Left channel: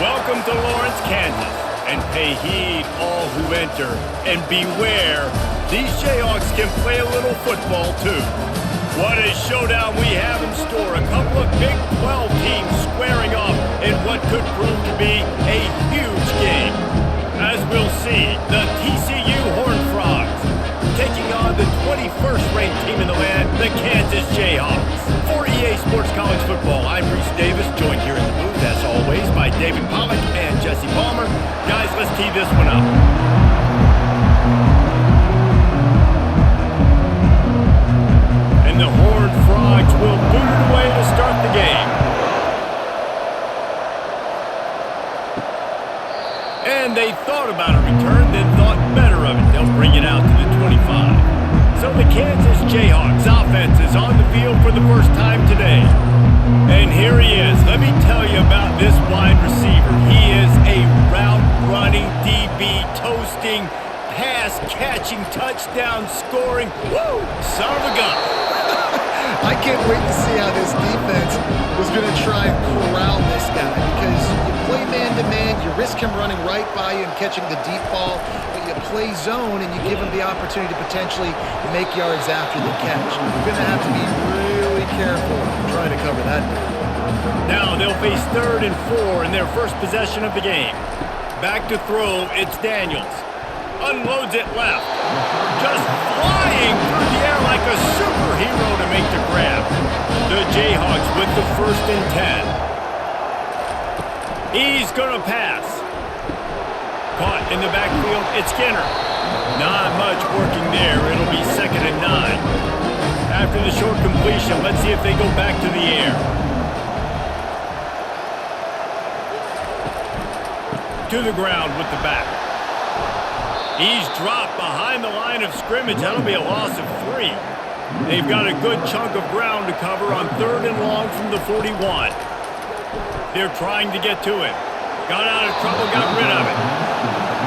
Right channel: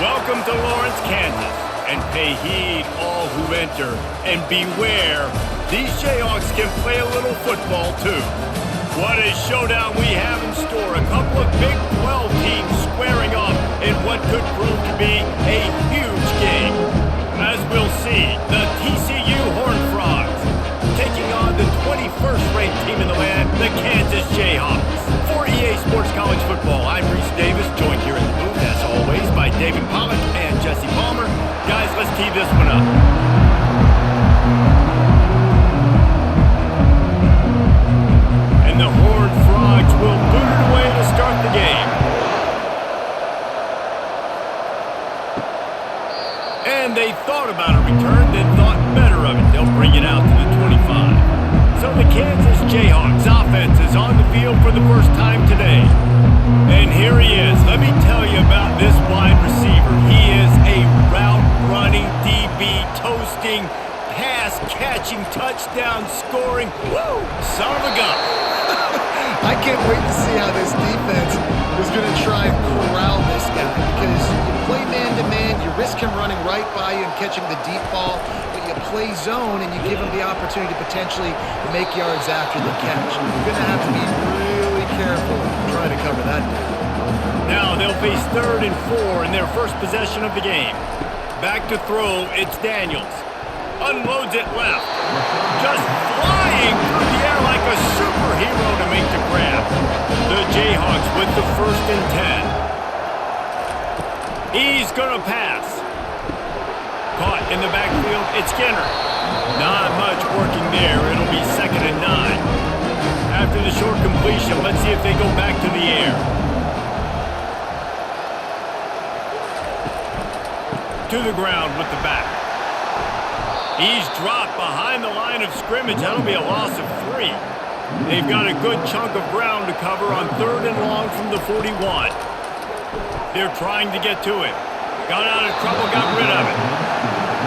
Welcome to Lawrence, Kansas, and pay heed all who enter, and beware, these Jayhawks can play a little football too. What a showdown we have in store. A couple of Big 12 teams squaring off in what could prove to be a huge game. As we'll see, the TCU Horned Frogs taking on the 21st ranked team in the land, the Kansas Jayhawks. For EA Sports College Football, I'm Reese Davis, joined here in the booth, as always, by David Pollack and Jesse Palmer. Guys, let's tee this one up. And the Horned Frogs will boot it away to start the game. And they thought about a return, then thought better of it. They'll bring it out to the 25. So the Kansas Jayhawks offense is on the field for the first time today. And here he is. Let me tell you about this wide receiver. He is a route-running, DB, toasting, pass-catching, touchdown-scoring, woo, son of a gun. I can't wait to see how this defense is going to try and corral this guy, because you play man-to-man, you risk him running right by you and catching the deep ball, but you play zone and you give him the opportunity to potentially make yards after the catch. You're going to have to be really careful trying to cover that dude. Now they'll face 3rd and 4 in their first possession of the game. Back to throw, it's Daniels. Unloads it left. Just flying through the air like a superhero to make the grab. The Jayhawks with the 1st and 10. He's going to pass. Caught in the backfield, it's Skinner. Not much working there. It'll be 2nd and 9. After the short completion, let's see if they go back to the air. To the ground with the back. He's dropped behind the line of scrimmage. That'll be a loss of 3. They've got a good chunk of ground to cover on 3rd and long from the 41. They're trying to get to him. Got out of trouble, got rid of it.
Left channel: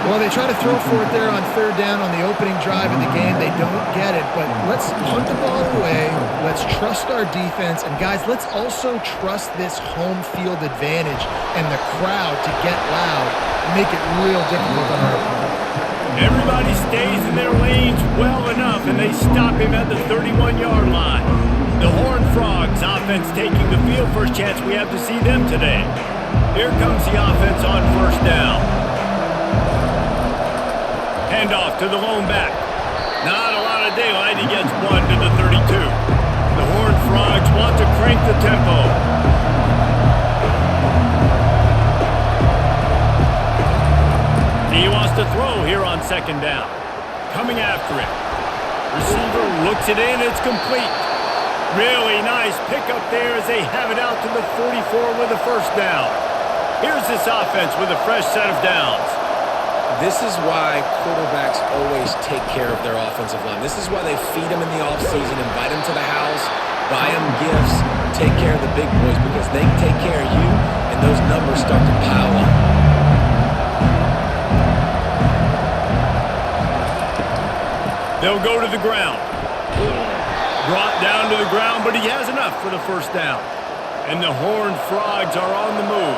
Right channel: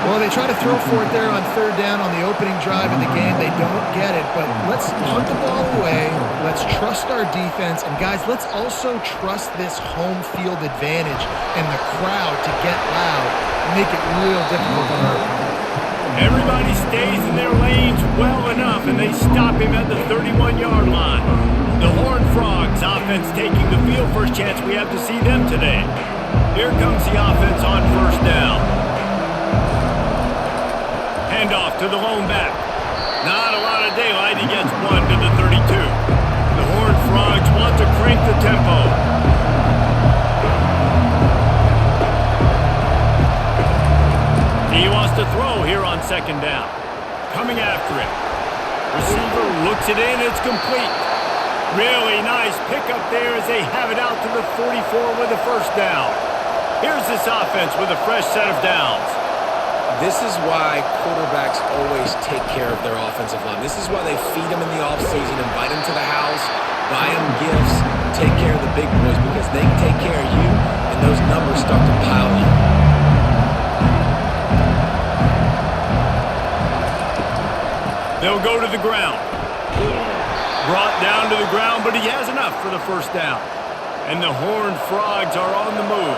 Well, they try to throw for it there on 3rd down on the opening drive of the game. They don't get it, but let's punt the ball away. Let's trust our defense. And, guys, let's also trust this home field advantage and the crowd to get loud and make it real difficult on our opponent. Everybody stays in their lanes well enough, and they stop him at the 31-yard line. The Horned Frogs offense taking the field. First chance we have to see them today. Here comes the offense on 1st down. Handoff to the lone back. Not a lot of daylight. He gets 1 to the 32. The Horned Frogs want to crank the tempo. He wants to throw here on 2nd down. Coming after it. Receiver looks it in. It's complete. Really nice pickup there as they have it out to the 44 with a 1st down. Here's this offense with a fresh set of downs. This is why quarterbacks always take care of their offensive line. This is why they feed them in the offseason, invite them to the house, buy them gifts, take care of the big boys, because they can take care of you and those numbers start to pile up. They'll go to the ground. Brought down to the ground, but he has enough for the 1st down. And the Horned Frogs are on the move.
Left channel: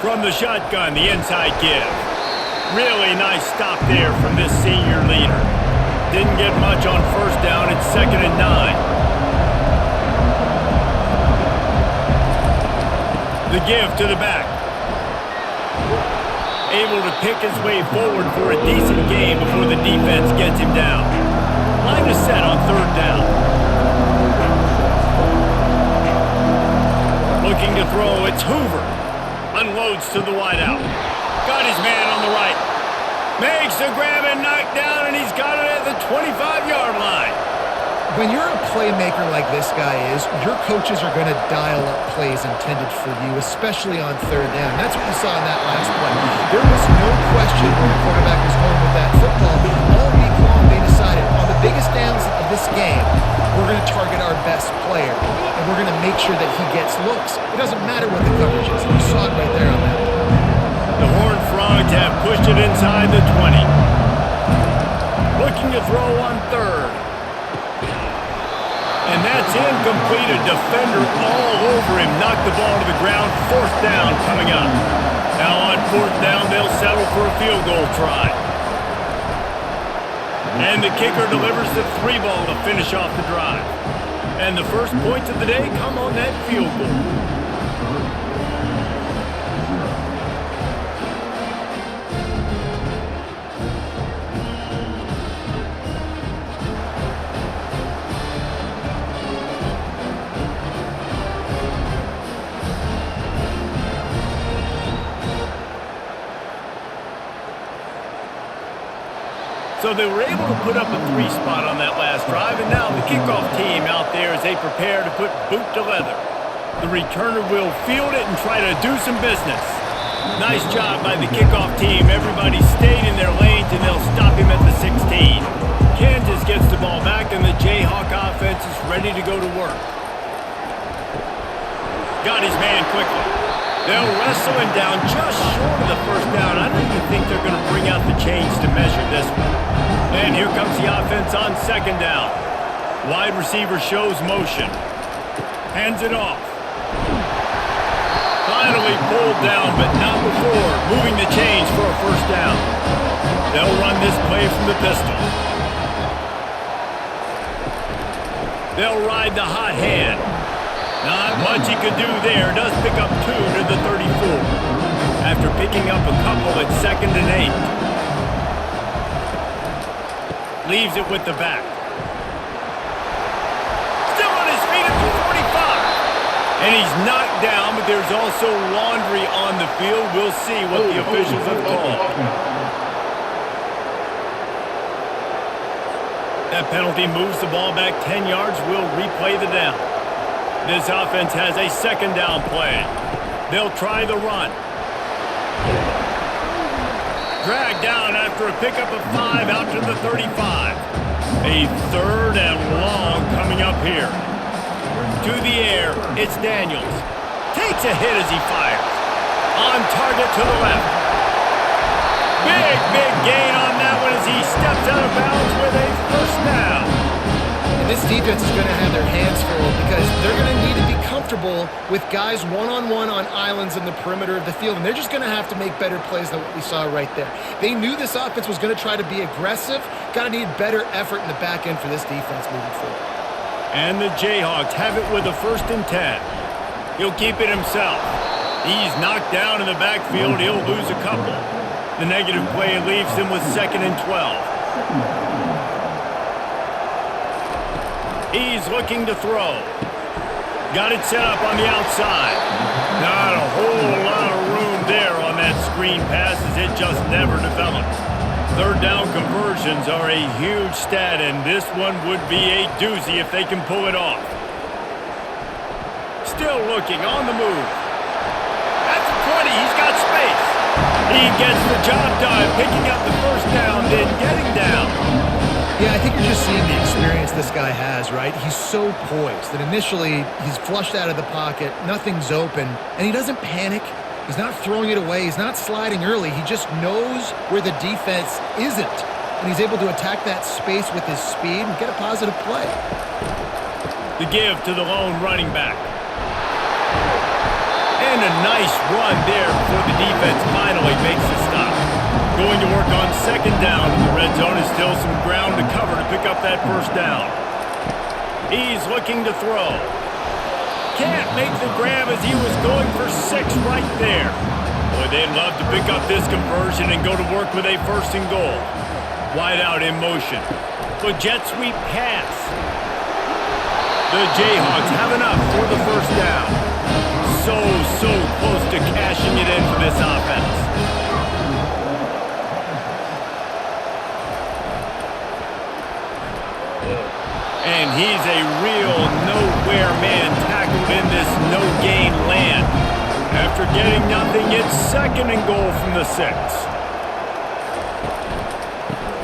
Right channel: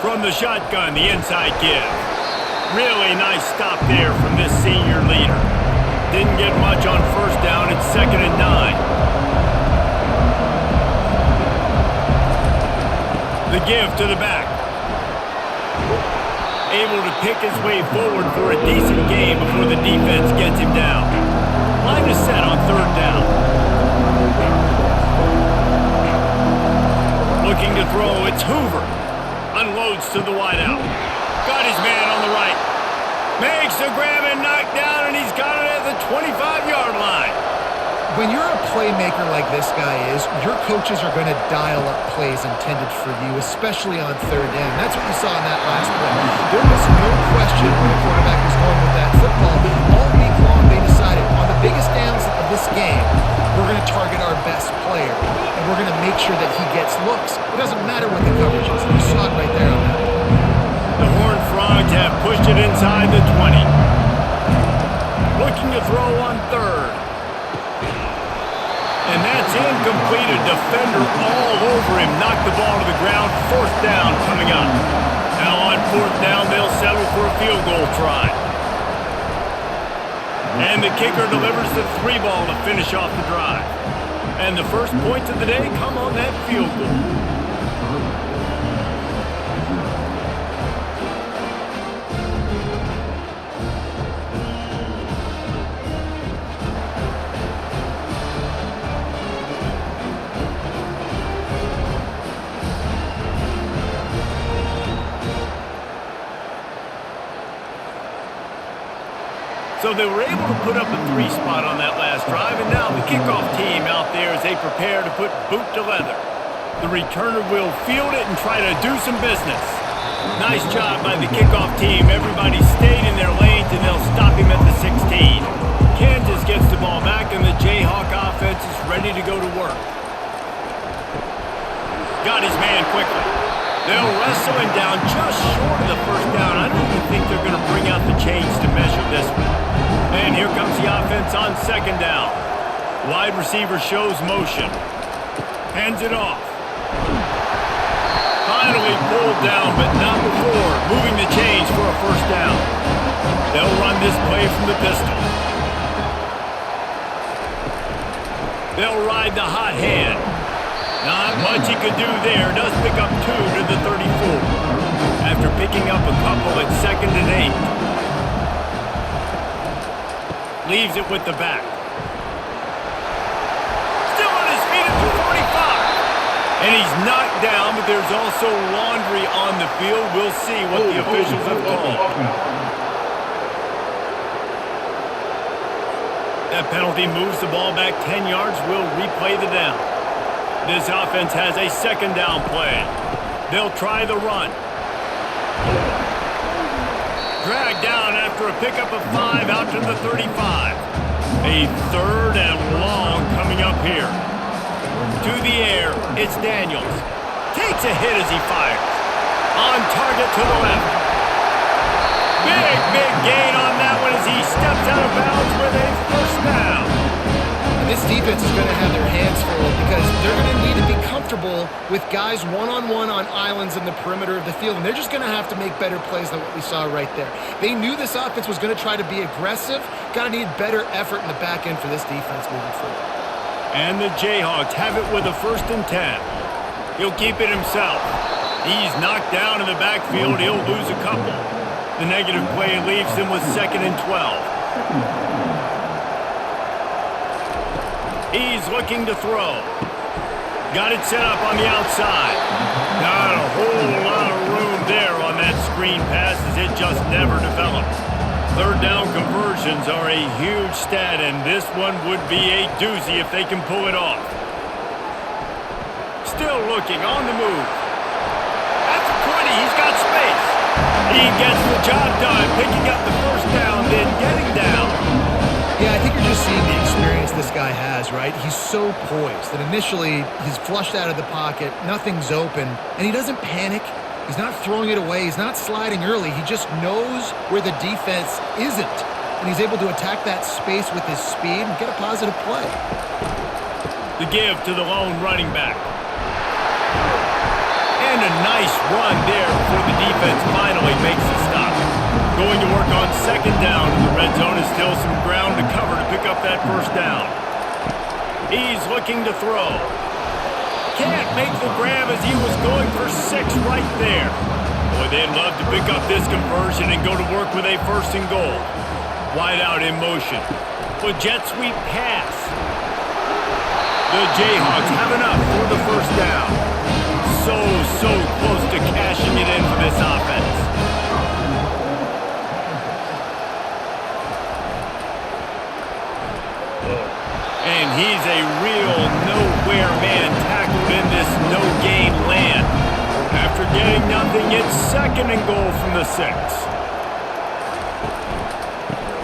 From the shotgun, the inside give. Really nice stop there from this senior leader. Didn't get much on 1st down. It's 2nd and 9. The give to the back. Able to pick his way forward for a decent game before the defense gets him down. Line is set on 3rd down. Looking to throw, it's Hoover. Unloads to the wideout. Got his man on the right. Makes the grab and knock down, and he's got it at the 25-yard line. When you're a playmaker like this guy is, your coaches are going to dial up plays intended for you, especially on 3rd down. That's what you saw in that last play. There was no question where the quarterback was going with that football. All week long, they decided on the biggest downs of this game, we're going to target our best player, and we're going to make sure that he gets looks. It doesn't matter what the coverage is. You saw it right there on that play. The Horned Frogs have pushed it inside the 20. Looking to throw on 3rd. And that's incomplete. A defender all over him. Knocked the ball to the ground. 4th down coming up. Now on 4th down, they'll settle for a field goal try. And the kicker delivers the 3 ball to finish off the drive. And the first points of the day come on that field goal. So they were able to put up a 3 spot on that last drive, and now the kickoff team out there as they prepare to put boot to leather. The returner will field it and try to do some business. Nice job by the kickoff team. Everybody stayed in their lanes, and they'll stop him at the 16. Kansas gets the ball back, and the Jayhawk offense is ready to go to work. Got his man quickly. They'll wrestle him down just short of the 1st down. I don't even think they're going to bring out the chains to measure this one. And here comes the offense on 2nd down. Wide receiver shows motion. Hands it off. Finally pulled down, but not before. Moving the chains for a 1st down. They'll run this play from the pistol. They'll ride the hot hand. Not much he could do there. Does pick up 2 to the 34. After picking up a couple at 2nd and 8. Leaves it with the back. Still on his feet at the 45. And he's knocked down, but there's also laundry on the field. We'll see what the officials have called. That penalty moves the ball back 10 yards. We'll replay the down. This offense has a 2nd down play. They'll try the run. Dragged down after a pickup of 5 out to the 35. A 3rd and long coming up here. To the air, it's Daniels. Takes a hit as he fires. On target to the left. Big gain on that one as he steps out of bounds with a 1st down. And this defense is going to have their hands full because they're going to need to be comfortable with guys one-on-one on islands in the perimeter of the field. And they're just going to have to make better plays than what we saw right there. They knew this offense was going to try to be aggressive. Got to need better effort in the back end for this defense moving forward. And the Jayhawks have it with a 1st and 10. He'll keep it himself. He's knocked down in the backfield. He'll lose a couple. The negative play leaves him with 2nd and 12. He's looking to throw. Got it set up on the outside. Not a whole lot of room there on that screen pass as it just never developed. 3rd down conversions are a huge stat, and this one would be a doozy if they can pull it off. Still looking on the move. At the 20, he's got space. He gets the job done, picking up the 1st down, then getting down. Yeah, I think you're just seeing the experience this guy has, right? He's so poised that initially he's flushed out of the pocket, nothing's open, and he doesn't panic. He's not throwing it away. He's not sliding early. He just knows where the defense isn't, and he's able to attack that space with his speed and get a positive play. The give to the lone running back. And a nice run there before the defense finally makes the stop. Going to work on 2nd down in the red zone is still some ground to cover to pick up that 1st down. He's looking to throw. Can't make the grab as he was going for 6 right there. Boy, they'd love to pick up this conversion and go to work with a 1st and goal. Wide out in motion. With jet sweep pass. The Jayhawks have enough for the 1st down. So close to cashing it in for this offense. And he's a real nowhere man tackled in this no-gain land. After getting nothing, it's 2nd and goal from the 6.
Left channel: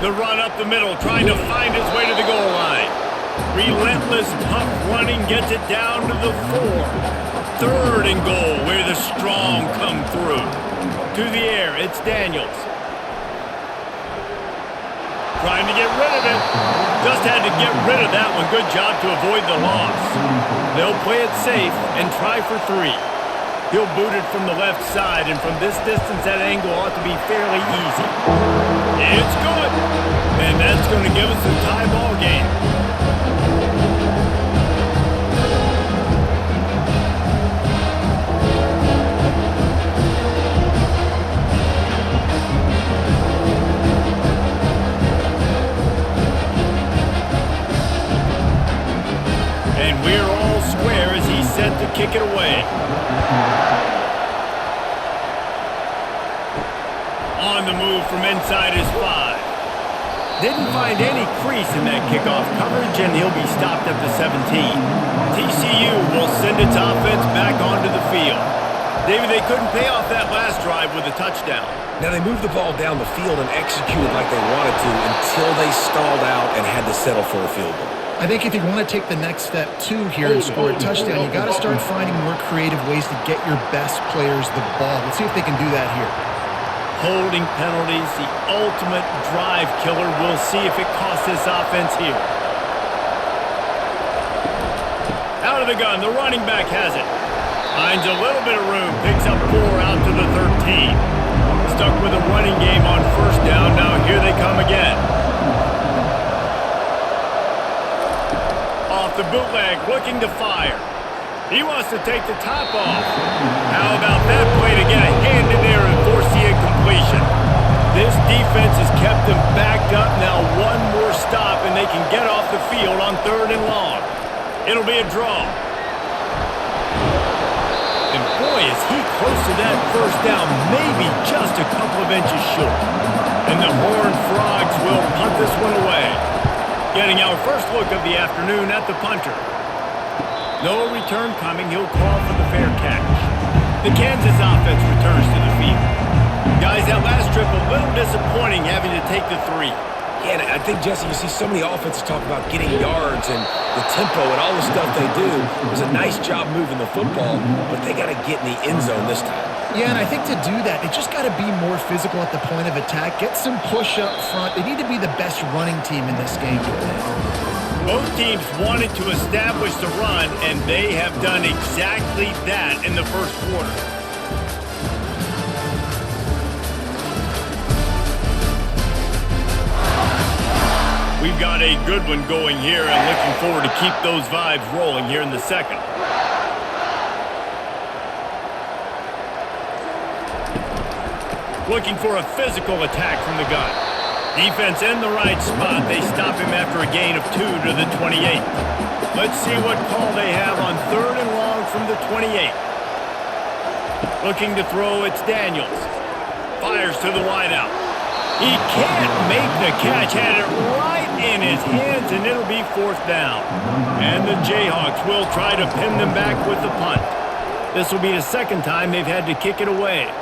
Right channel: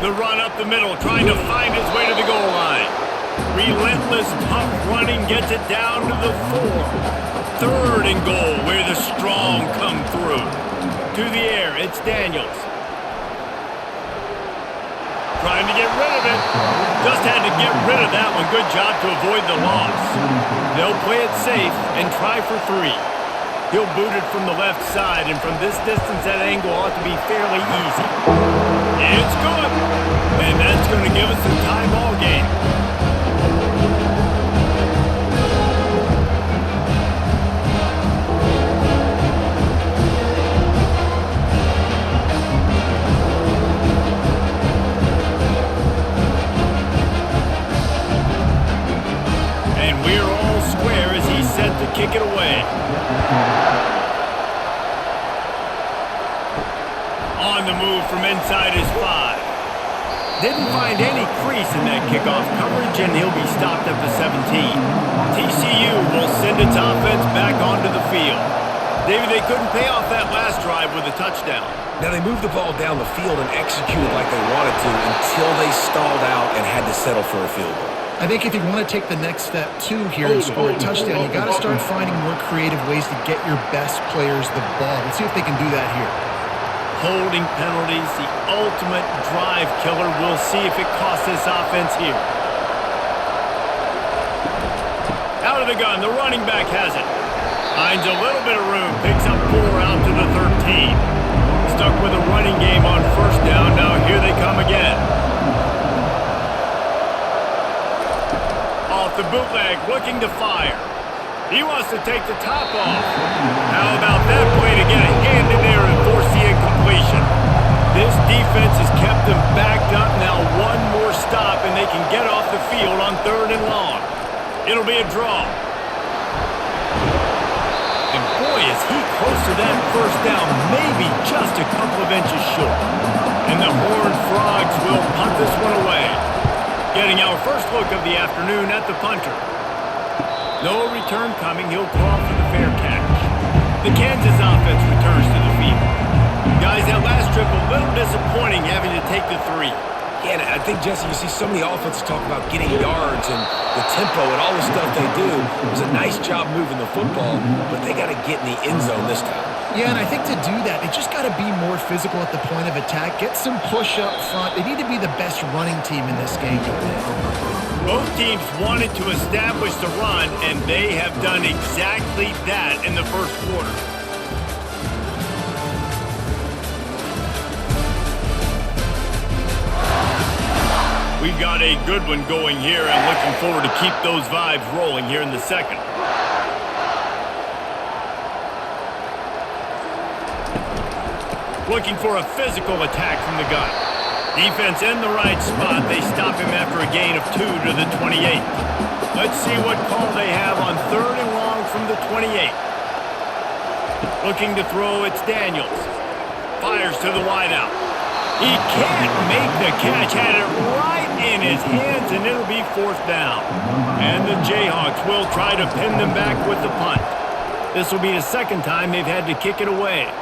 The run up the middle, trying to find his way to the goal line. Relentless, tough running gets it down to the 4. 3rd and goal, where the strong come through. To the air, it's Daniels. Trying to get rid of it. Just had to get rid of that one. Good job to avoid the loss. They'll play it safe and try for 3. He'll boot it from the left side, and from this distance, that angle ought to be fairly easy. It's good. And that's going to give us a tie ball game. And we're all square as he's set to kick it away. On the move from inside his 5. Didn't find any crease in that kickoff coverage, and he'll be stopped at the 17. TCU will send its offense back onto the field. David, they couldn't pay off that last drive with a touchdown. Now, they moved the ball down the field and executed like they wanted to until they stalled out and had to settle for a field goal. I think if you want to take the next step, too, here and score a touchdown, you got to start finding more creative ways to get your best players the ball. Let's see if they can do that here. Holding penalties, the ultimate drive killer. We'll see if it costs this offense here. Out of the gun, the running back has it. Finds a little bit of room, picks up 4 out to the 13. Stuck with a running game on first down. Now here they come again. Off the bootleg, looking to fire. He wants to take the top off. How about that play to get a hand in there and force the incompletion? This defense has kept them backed up. Now one more stop and they can get off the field on 3rd and long. It'll be a draw. And boy, is he close to that first down, maybe just a couple of inches short. And the Horned Frogs will punt this one away. Getting our first look of the afternoon at the punter. No return coming. He'll call for the fair catch. The Kansas offense returns to the field. Guys, that last trip a little disappointing having to take the 3. Yeah, and I think, Jesse, you see so many offenses talk about getting yards and the tempo and all the stuff they do. It was a nice job moving the football, but they got to get in the end zone this time. Yeah, and I think to do that, they just got to be more physical at the point of attack, get some push up front. They need to be the best running team in this game. Both teams wanted to establish the run, and they have done exactly that in the first quarter. We've got a good one going here, and looking forward to keep those vibes rolling here in the second. Looking for a physical attack from the gun. Defense in the right spot. They stop him after a gain of 2 to the 28. Let's see what call they have on 3rd and long from the 28. Looking to throw, it's Daniels. Fires to the wideout. He can't make the catch. Had it right in his hands, and it'll be 4th down. And the Jayhawks will try to pin them back with the punt. This will be the second time they've had to kick it away.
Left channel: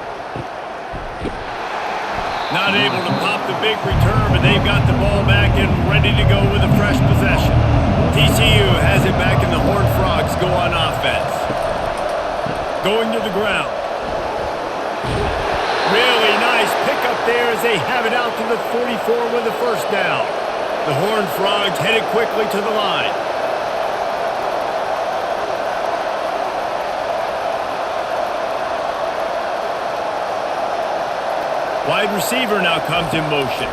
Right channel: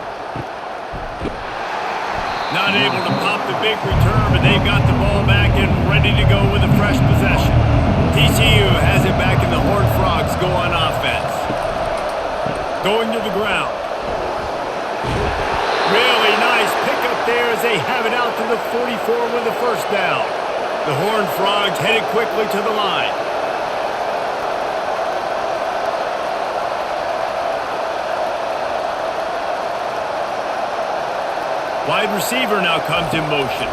Not able to pop the big return, but they've got the ball back and ready to go with a fresh possession. TCU has it back, and the Horned Frogs go on offense. Going to the ground. Really nice pickup there as they have it out to the 44 with the first down. The Horned Frogs headed quickly to the line. Wide receiver now comes in motion.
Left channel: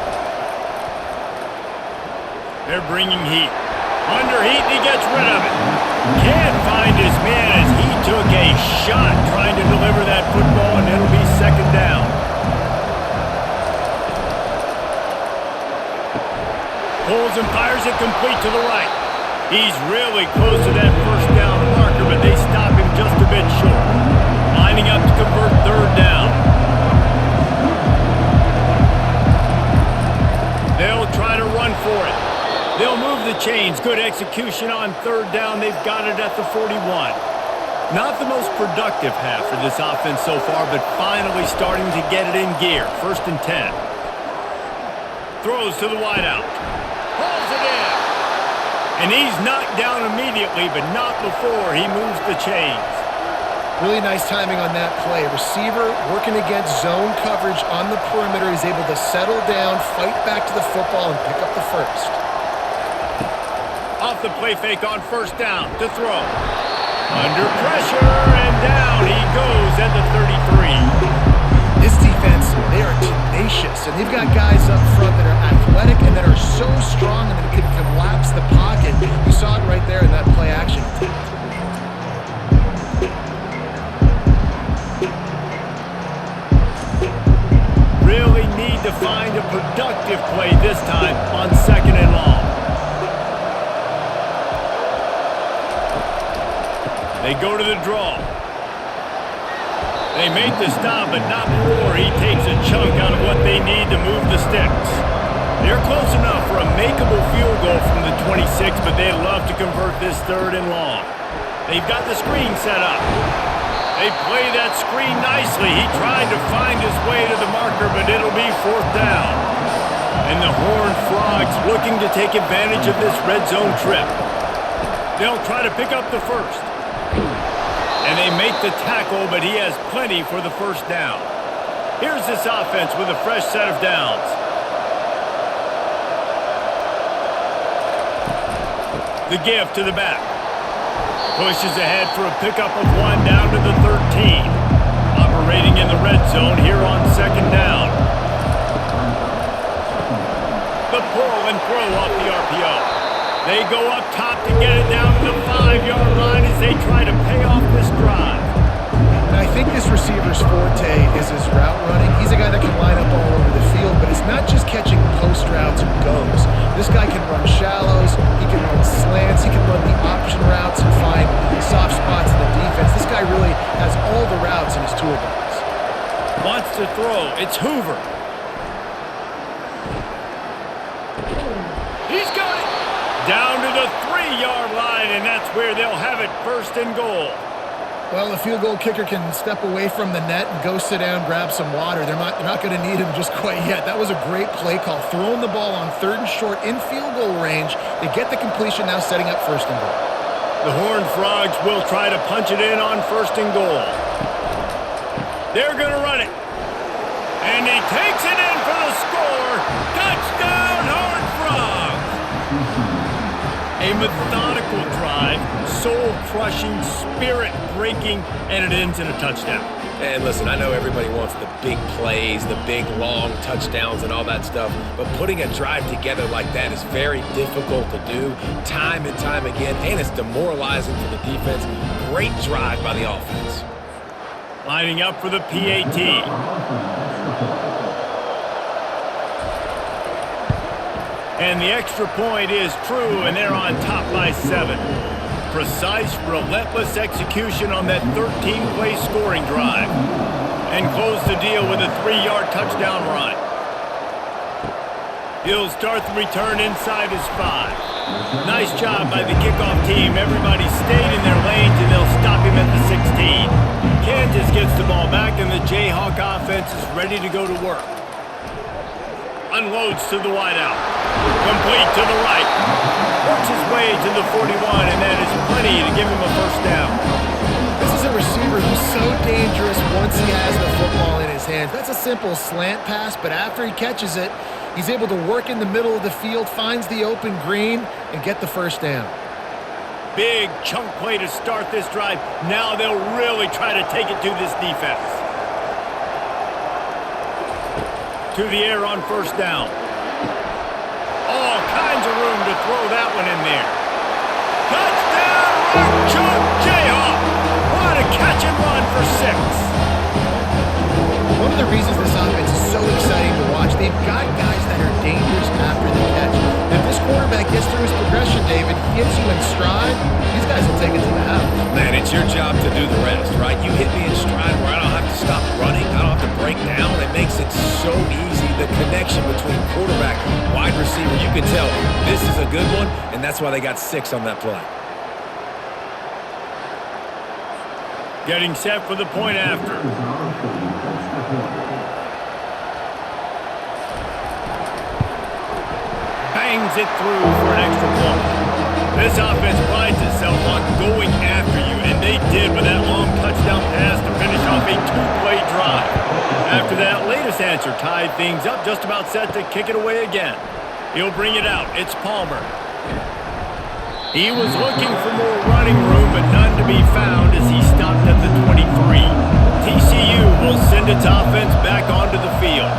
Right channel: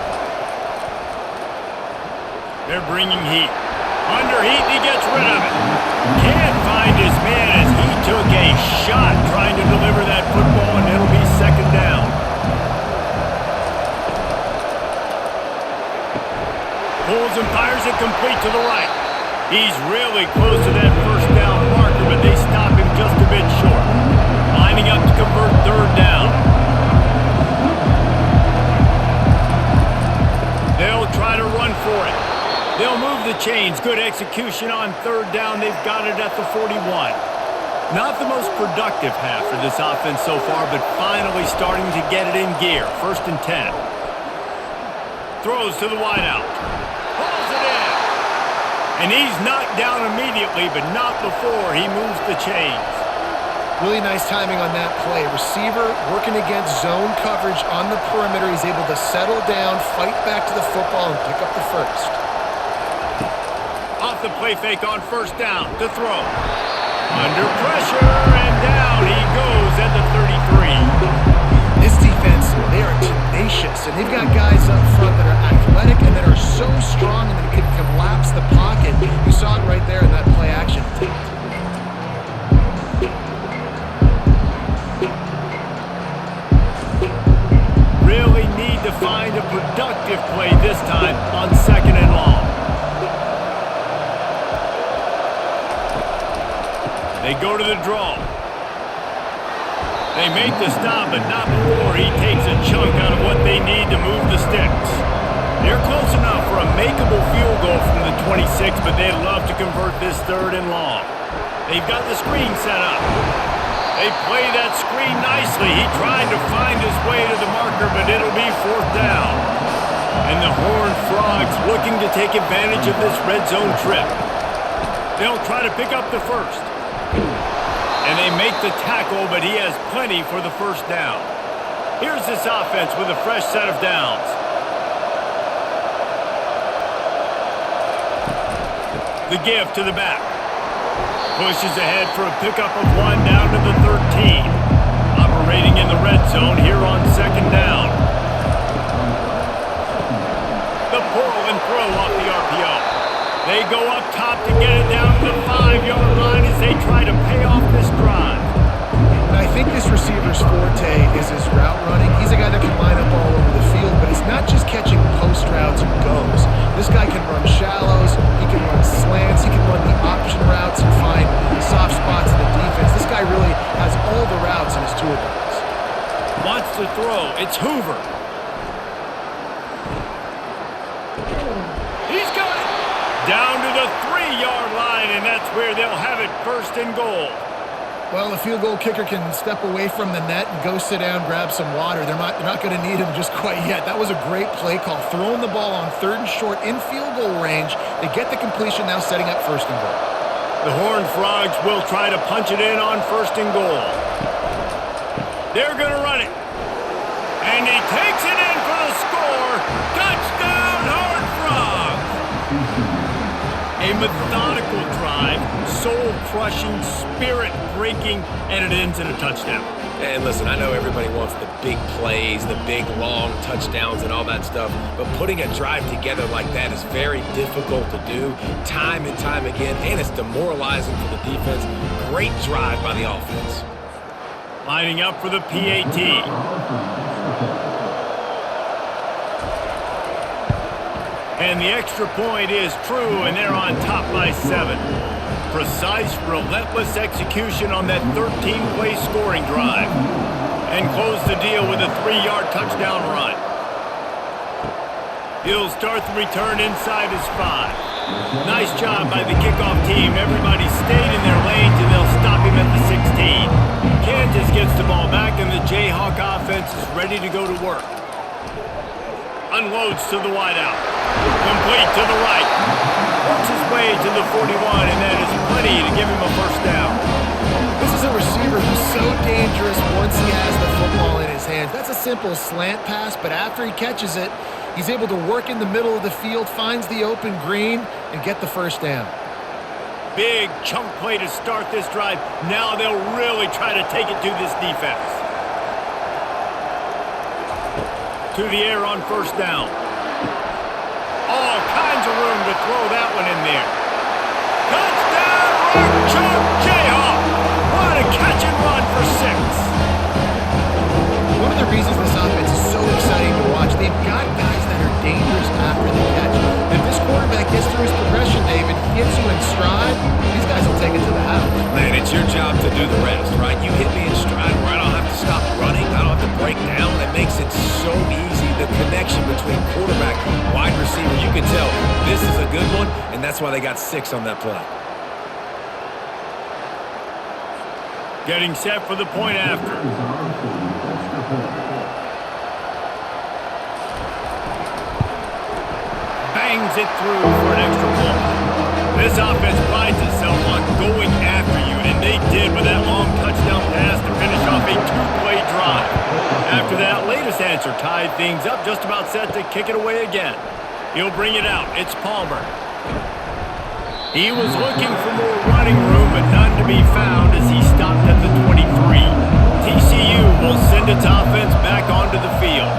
They're bringing heat. Under heat, he gets rid of it. Can't find his man as he took a shot trying to deliver that football, and it'll be 2nd down. Pulls and fires it complete to the right. He's really close to that first down marker, but they stop him just a bit short. Lining up to convert 3rd down. They'll try to run for it. They'll move the chains. Good execution on 3rd down. They've got it at the 41. Not the most productive half for this offense so far, but finally starting to get it in gear. 1st and 10. Throws to the wideout. Pulls it in. And he's knocked down immediately, but not before he moves the chains. Really nice timing on that play. Receiver working against zone coverage on the perimeter. He's able to settle down, fight back to the football, and pick up the first. Off the play fake on first down to throw. Under pressure, and down he goes at the 33. This defense, they are tenacious, and they've got guys up front that are athletic and that are so strong and that can collapse the pocket. You saw it right there in that play action attempt. Really need to find a productive play this time on 2nd and long. They go to the draw. They make the stop, but not before he takes a chunk out of what they need to move the sticks. They're close enough for a makeable field goal from the 26, but they'd love to convert this 3rd and long. They've got the screen set up. They play that screen nicely. He tried to find his way to the marker, but it'll be 4th down. And the Horned Frogs looking to take advantage of this red zone trip. They'll try to pick up the first. And they make the tackle, but he has plenty for the 1st down. Here's this offense with a fresh set of downs. The give to the back. Pushes ahead for a pickup of 1 down to the 13. Operating in the red zone here on 2nd down. The pull and throw off the RPO. They go up top to get it down to the 5-yard line as they try to pay off this drive. And I think this receiver's forte is his route running. He's a guy that can line up all over the field, but it's not just catching post routes and goes. This guy can run shallows, he can run slants, he can run the option routes and find soft spots in the defense. This guy really has all the routes in his toolbox. Wants to throw. It's Hoover. He's got it. Down to the 3-yard line, and that's where they'll have it 1st and goal. Well, the field goal kicker can step away from the net and go sit down, grab some water. They're not going to need him just quite yet. That was a great play call. Throwing the ball on 3rd and short in field goal range. They get the completion, now setting up 1st and goal. The Horned Frogs will try to punch it in on 1st and goal. They're going to run it. And he takes it in for the score. Touchdown, Horned Frogs! A methodical drive, soul-crushing, spirit-breaking, and it ends in a touchdown. And listen, I know everybody wants the big plays, the big, long touchdowns and all that stuff, but putting a drive together like that is very difficult to do time and time again, and it's demoralizing for the defense. Great drive by the offense. Lining up for the PAT. And the extra point is true, and they're on top by 7. Precise, relentless execution on that 13-play scoring drive. And close the deal with a 3-yard touchdown run. He'll start the return inside his 5. Nice job by the kickoff team. Everybody stayed in their lanes, and they'll stop him at the 16. Kansas gets the ball back, and the Jayhawk offense is ready to go to work. Unloads to the wideout. Complete to the right. Works his way to the 41, and that is plenty to give him a 1st down. This is a receiver who's so dangerous once he has the football in his hands. That's a simple slant pass, but after he catches it, he's able to work in the middle of the field, finds the open green, and get the 1st down. Big chunk play to start this drive. Now they'll really try to take it to this defense. To the air on 1st down. All kinds of room to throw that one in there. Touchdown, Rock Chalk Jayhawk! What a catch and run for 6. One of the reasons this offense is so exciting to watch, they've got guys that are dangerous after the catch. If this quarterback gets through his progression, David, he hits you in stride, these guys will take it to the house. Man, it's your job to do the rest, right? You hit me in stride where I don't have to stop running. I don't have to break down. It makes it so easy. The connection between quarterback, wide receiver, you can tell this is a good one, and that's why they got 6 on that play. Getting set for the point after. Bangs it through for an extra point. This offense prides itself on going after you, and they did with that long touchdown pass to finish off a two-play drive. After that latest answer tied things up, just about set to kick it away again. He'll bring it out. It's Palmer. He was looking for more running room, but none to be found as he stopped at the 23. TCU will send its offense back onto the field.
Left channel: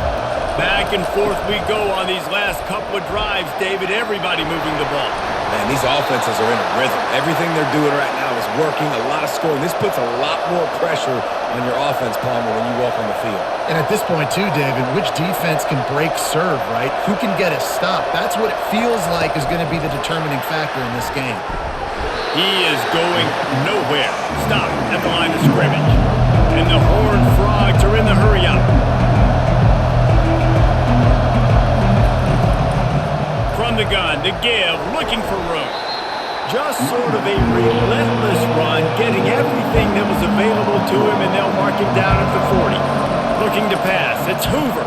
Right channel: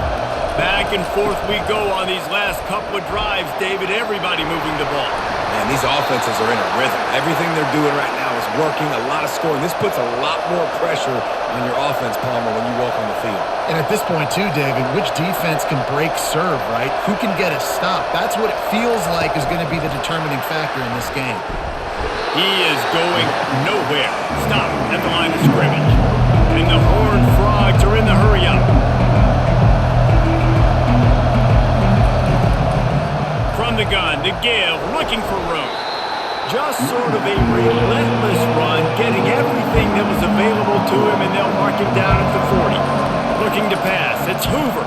Back and forth we go on these last couple of drives, David. Everybody moving the ball. Man, these offenses are in a rhythm. Everything they're doing right now is working, a lot of scoring. This puts a lot more pressure on your offense, Palmer, when you walk on the field. And at this point, too, David, which defense can break serve, right? Who can get a stop? That's what it feels like is going to be the determining factor in this game. He is going nowhere. Stop at the line of scrimmage. And the Horned Frogs are in the hurry-up. From the gun, to give, looking for room. Just sort of a relentless run, getting everything that was available to him, and they'll mark him down at the 40. Looking to pass, it's Hoover.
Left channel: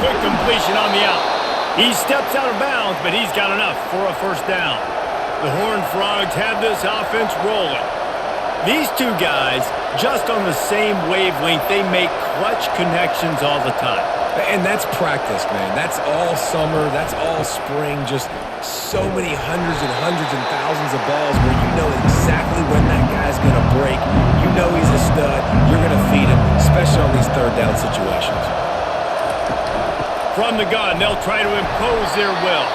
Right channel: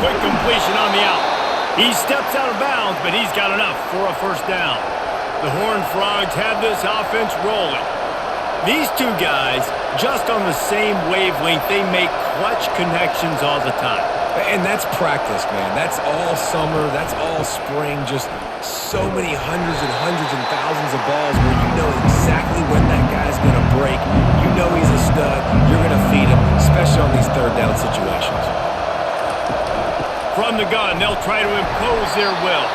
Quick completion on the out. He steps out of bounds, but he's got enough for a first down. The Horned Frogs have this offense rolling. These two guys, just on the same wavelength, they make clutch connections all the time. And that's practice, man. That's all summer. That's all spring. Just so many hundreds and thousands of balls where you know exactly when that guy's going to break. You know he's a stud. You're going to feed him, especially on these third down situations. From the gun, they'll try to impose their will.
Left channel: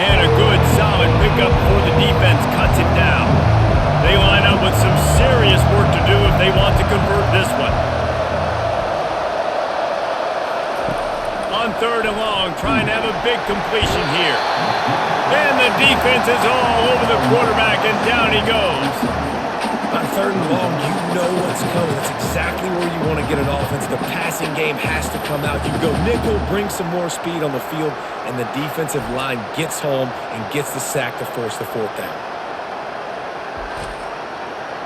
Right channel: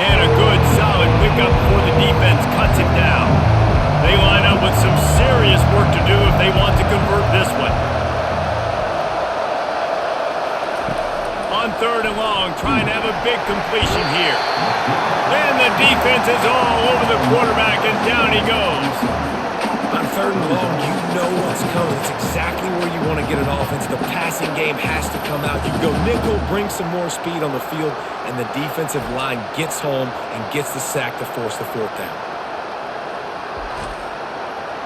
And a good, solid pickup before the defense cuts him down. They line up with some serious work to do if they want to convert this one. On third and long, trying to have a big completion here. And the defense is all over the quarterback, and down he goes. On third and long, you know what's coming. That's exactly where you want to get an offense. The passing game has to come out. You go nickel, bring some more speed on the field, and the defensive line gets home and gets the sack to force the fourth down.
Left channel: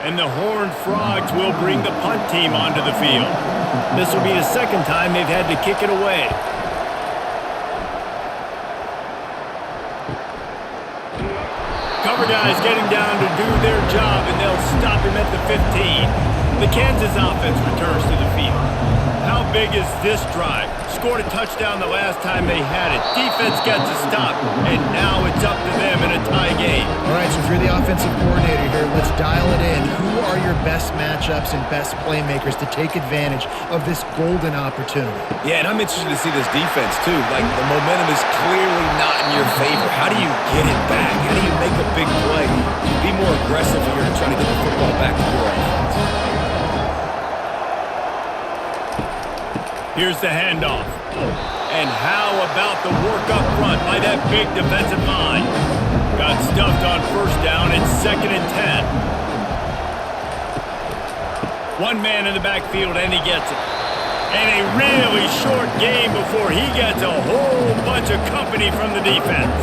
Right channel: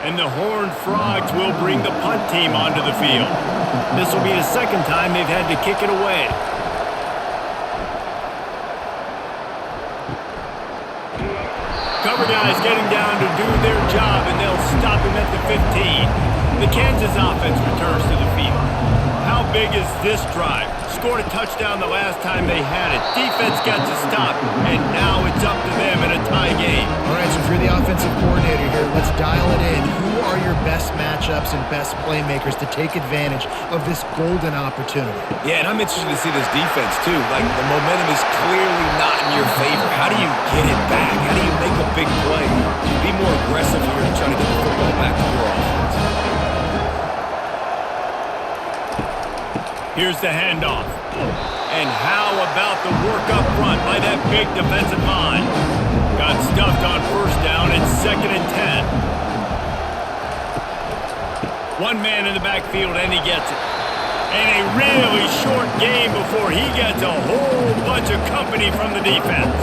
And the Horned Frogs will bring the punt team onto the field. This will be the second time they've had to kick it away. Cover guys getting down to do their job, and they'll stop him at the 15. The Kansas offense returns to the field. How big is this drive? Scored a touchdown the last time they had it. Defense gets a stop, and now it's up to them in a tie game. All right, so if you're the offensive coordinator here, let's dial it in. Who are your best matchups and best playmakers to take advantage of this golden opportunity? Yeah, and I'm interested to see this defense, too. Like, the momentum is clearly not in your favor. How do you get it back? How do you make a big play? You be more aggressive here to try to get the football back to your offense. Here's the handoff. And how about the work up front by that big defensive line? Got stuffed on first down. It's 2nd and 10. One man in the backfield, and he gets it. And a really short game before he gets a whole bunch of company from the defense.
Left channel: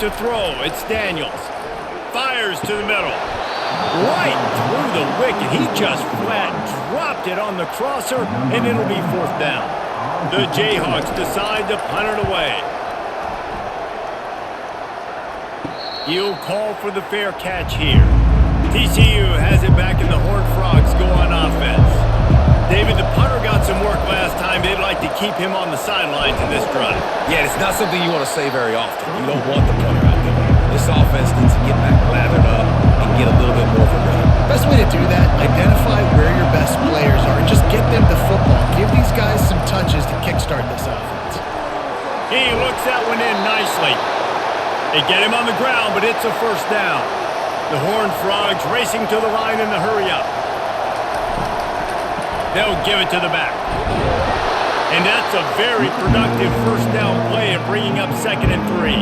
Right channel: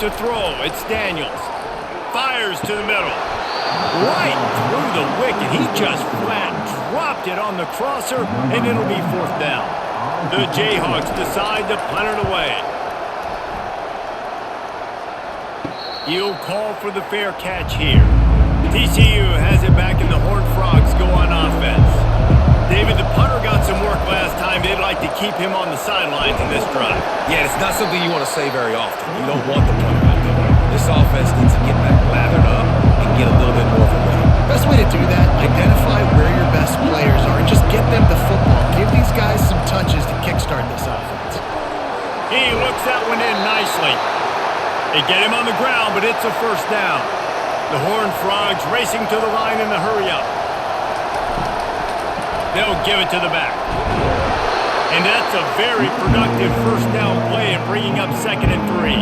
To throw, it's Daniels. Fires to the middle. Right through the wicket. He just flat dropped it on the crosser, and it'll be fourth down. The Jayhawks decide to punt it away. He'll call for the fair catch here. TCU has it back, and the Horned Frogs go on offense. David, the punter got some work last time. They'd like to keep him on the sidelines in this drive. Yeah, it's not something you want to say very often. You don't want the punter out there. This offense needs to get back lathered up and get a little bit more of a rhythm. Best way to do that, identify where your best players are and just get them the football. Give these guys some touches to kickstart this offense. He looks that one in nicely. They get him on the ground, but it's a first down. The Horned Frogs racing to the line in the hurry-up. They'll give it to the back. And that's a very productive first down play and bringing up 2nd and 3.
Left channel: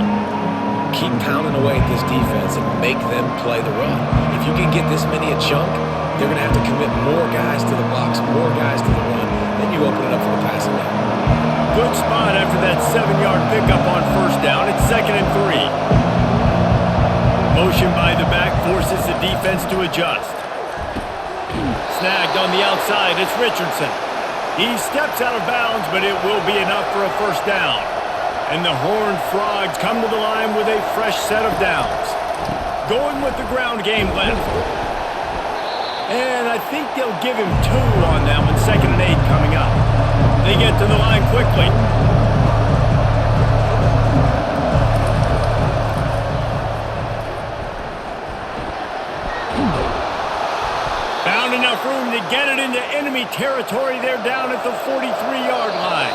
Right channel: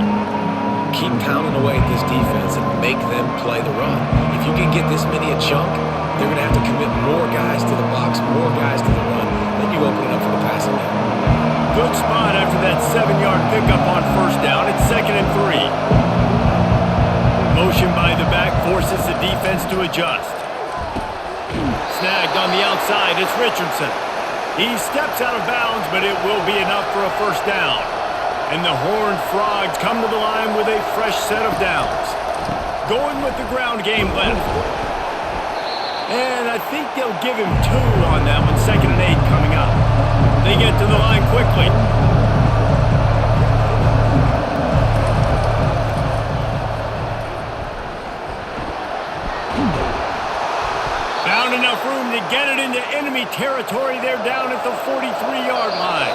Keep pounding away at this defense and make them play the run. If you can get this many a chunk, they're going to have to commit more guys to the box, more guys to the run. Then you open it up for the passing game. Good spot after that 7-yard pickup on first down. It's 2nd and 3. Motion by the back forces the defense to adjust. Snagged on the outside, it's Richardson. He steps out of bounds, but it will be enough for a first down. And the Horned Frogs come to the line with a fresh set of downs. Going with the ground game left. And I think they'll give him 2 on that one. 2nd and 8 coming up. They get to the line quickly. Found enough room to get it into enemy territory. They're down at the 43-yard line.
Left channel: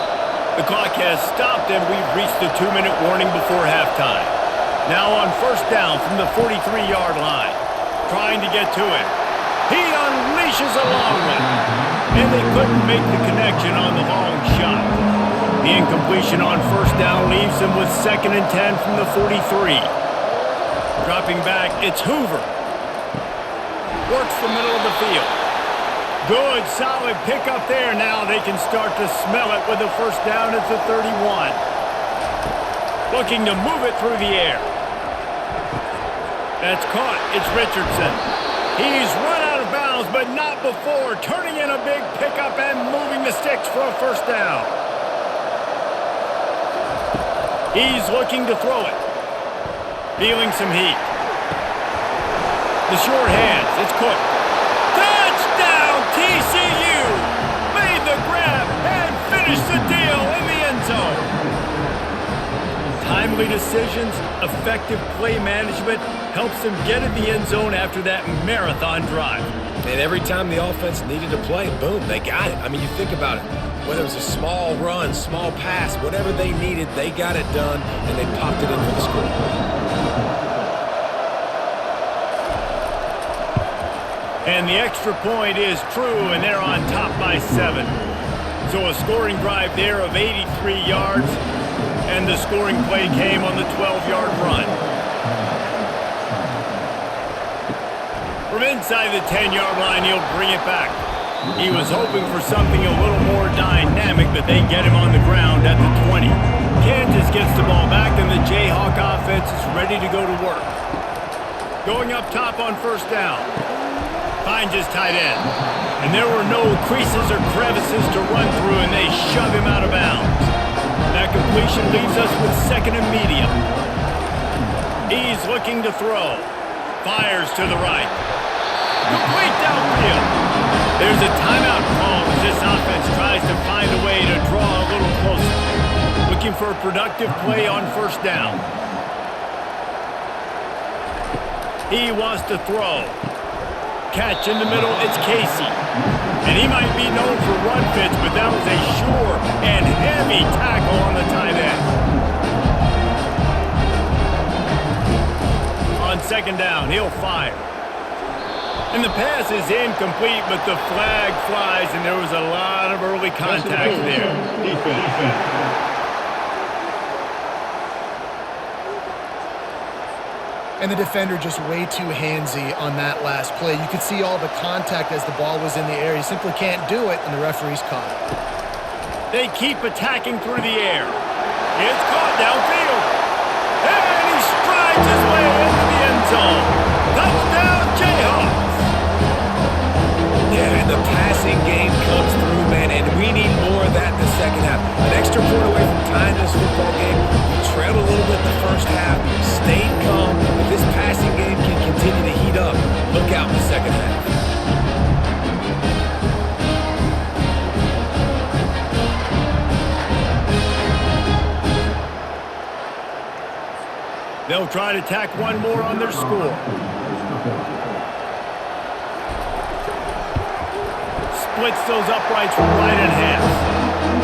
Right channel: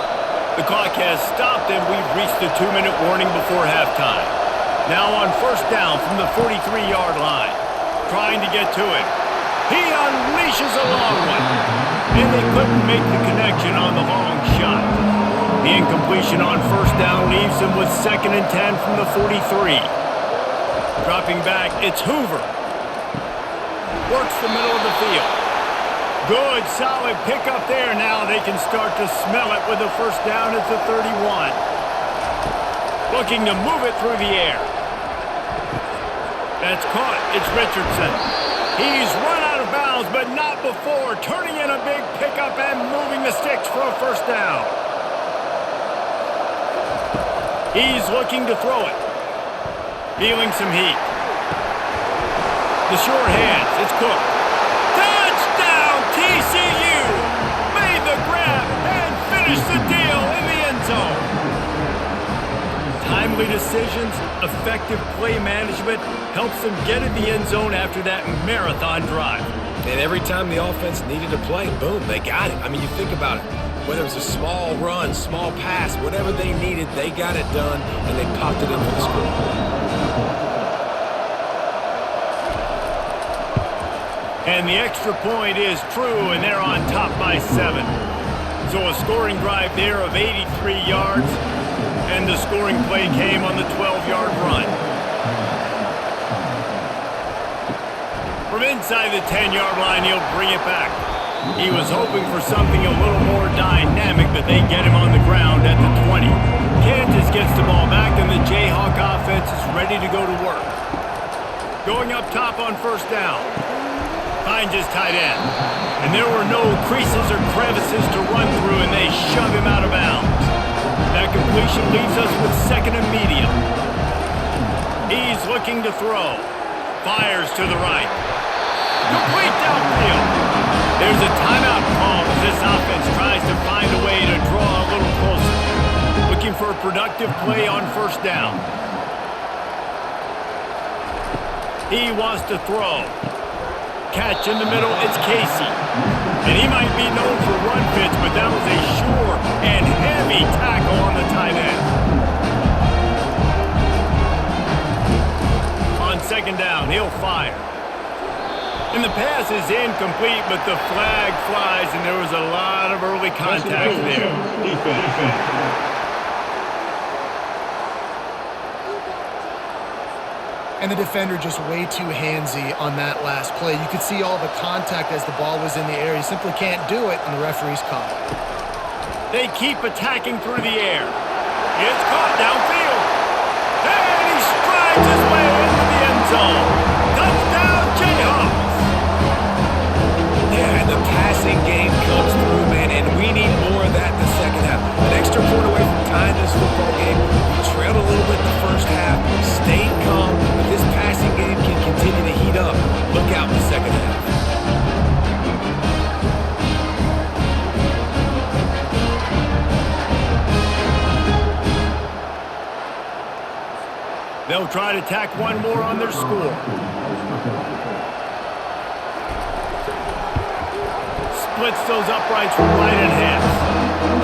The clock has stopped, and we've reached the 2-minute warning before halftime. Now on 1st down from the 43-yard line. Trying to get to him. He unleashes a long one. And they couldn't make the connection on the long shot. The incompletion on 1st down leaves him with 2nd and 10 from the 43. Dropping back, it's Hoover. Works the middle of the field. Good, solid pickup there. Now they can start to smell it with the 1st down at the 31. Looking to move it through the air. That's caught. It's Richardson. He's run out of bounds, but not before. Turning in a big pickup and moving the sticks for a 1st down. He's looking to throw it. Feeling some heat. The sure hands. It's Cook. Touchdown, TCU! Made the grab and finished the deal in the end zone. Timely decisions, effective play management helps them get in the end zone after that marathon drive. And every time the offense needed a play, boom, they got it. I mean, you think about it. Whether it was a small run, small pass, whatever they needed, they got it done, and they popped it in for the score. And the extra point is true, and they're on top by 7. So a scoring drive there of 83 yards, and the scoring play came on the 12-yard run. From inside the 10-yard line, he'll bring it back. He was hoping for something a little more dynamic, but they get him on the ground at the 20. Kansas gets the ball back, and the Jayhawk offense is ready to go to work. Going up top on 1st down. Finds his tight end. And there were no creases or crevices to run through, and they shove him out of bounds. That completion leaves us with 2nd and medium. He's looking to throw. Fires to the right. Complete downfield. There's a timeout call as this offense tries to find a way to draw a little closer. Looking for a productive play on 1st down. He wants to throw. Catch in the middle, it's Casey. And he might be known for run fits, but that was a sure and heavy tackle on the tight end. On 2nd down, he'll fire. And the pass is incomplete, but the flag flies, and there was a lot of early contact there. Defense. And the defender just way too handsy on that last play. You could see all the contact as the ball was in the air. He simply can't do it, and the referee's caught it. They keep attacking through the air. It's caught downfield. And he strides his way into the end zone. Touchdown, Jayhawks! Yeah, and the passing game comes through, man, and we need more of that in the 2nd half. An extra point away from tying this football game. You trailed a little bit in the 1st half, stayed calm. If this passing game can continue to heat up, look out in the 2nd half. They'll try to tack one more on their score. Splits those uprights right in half.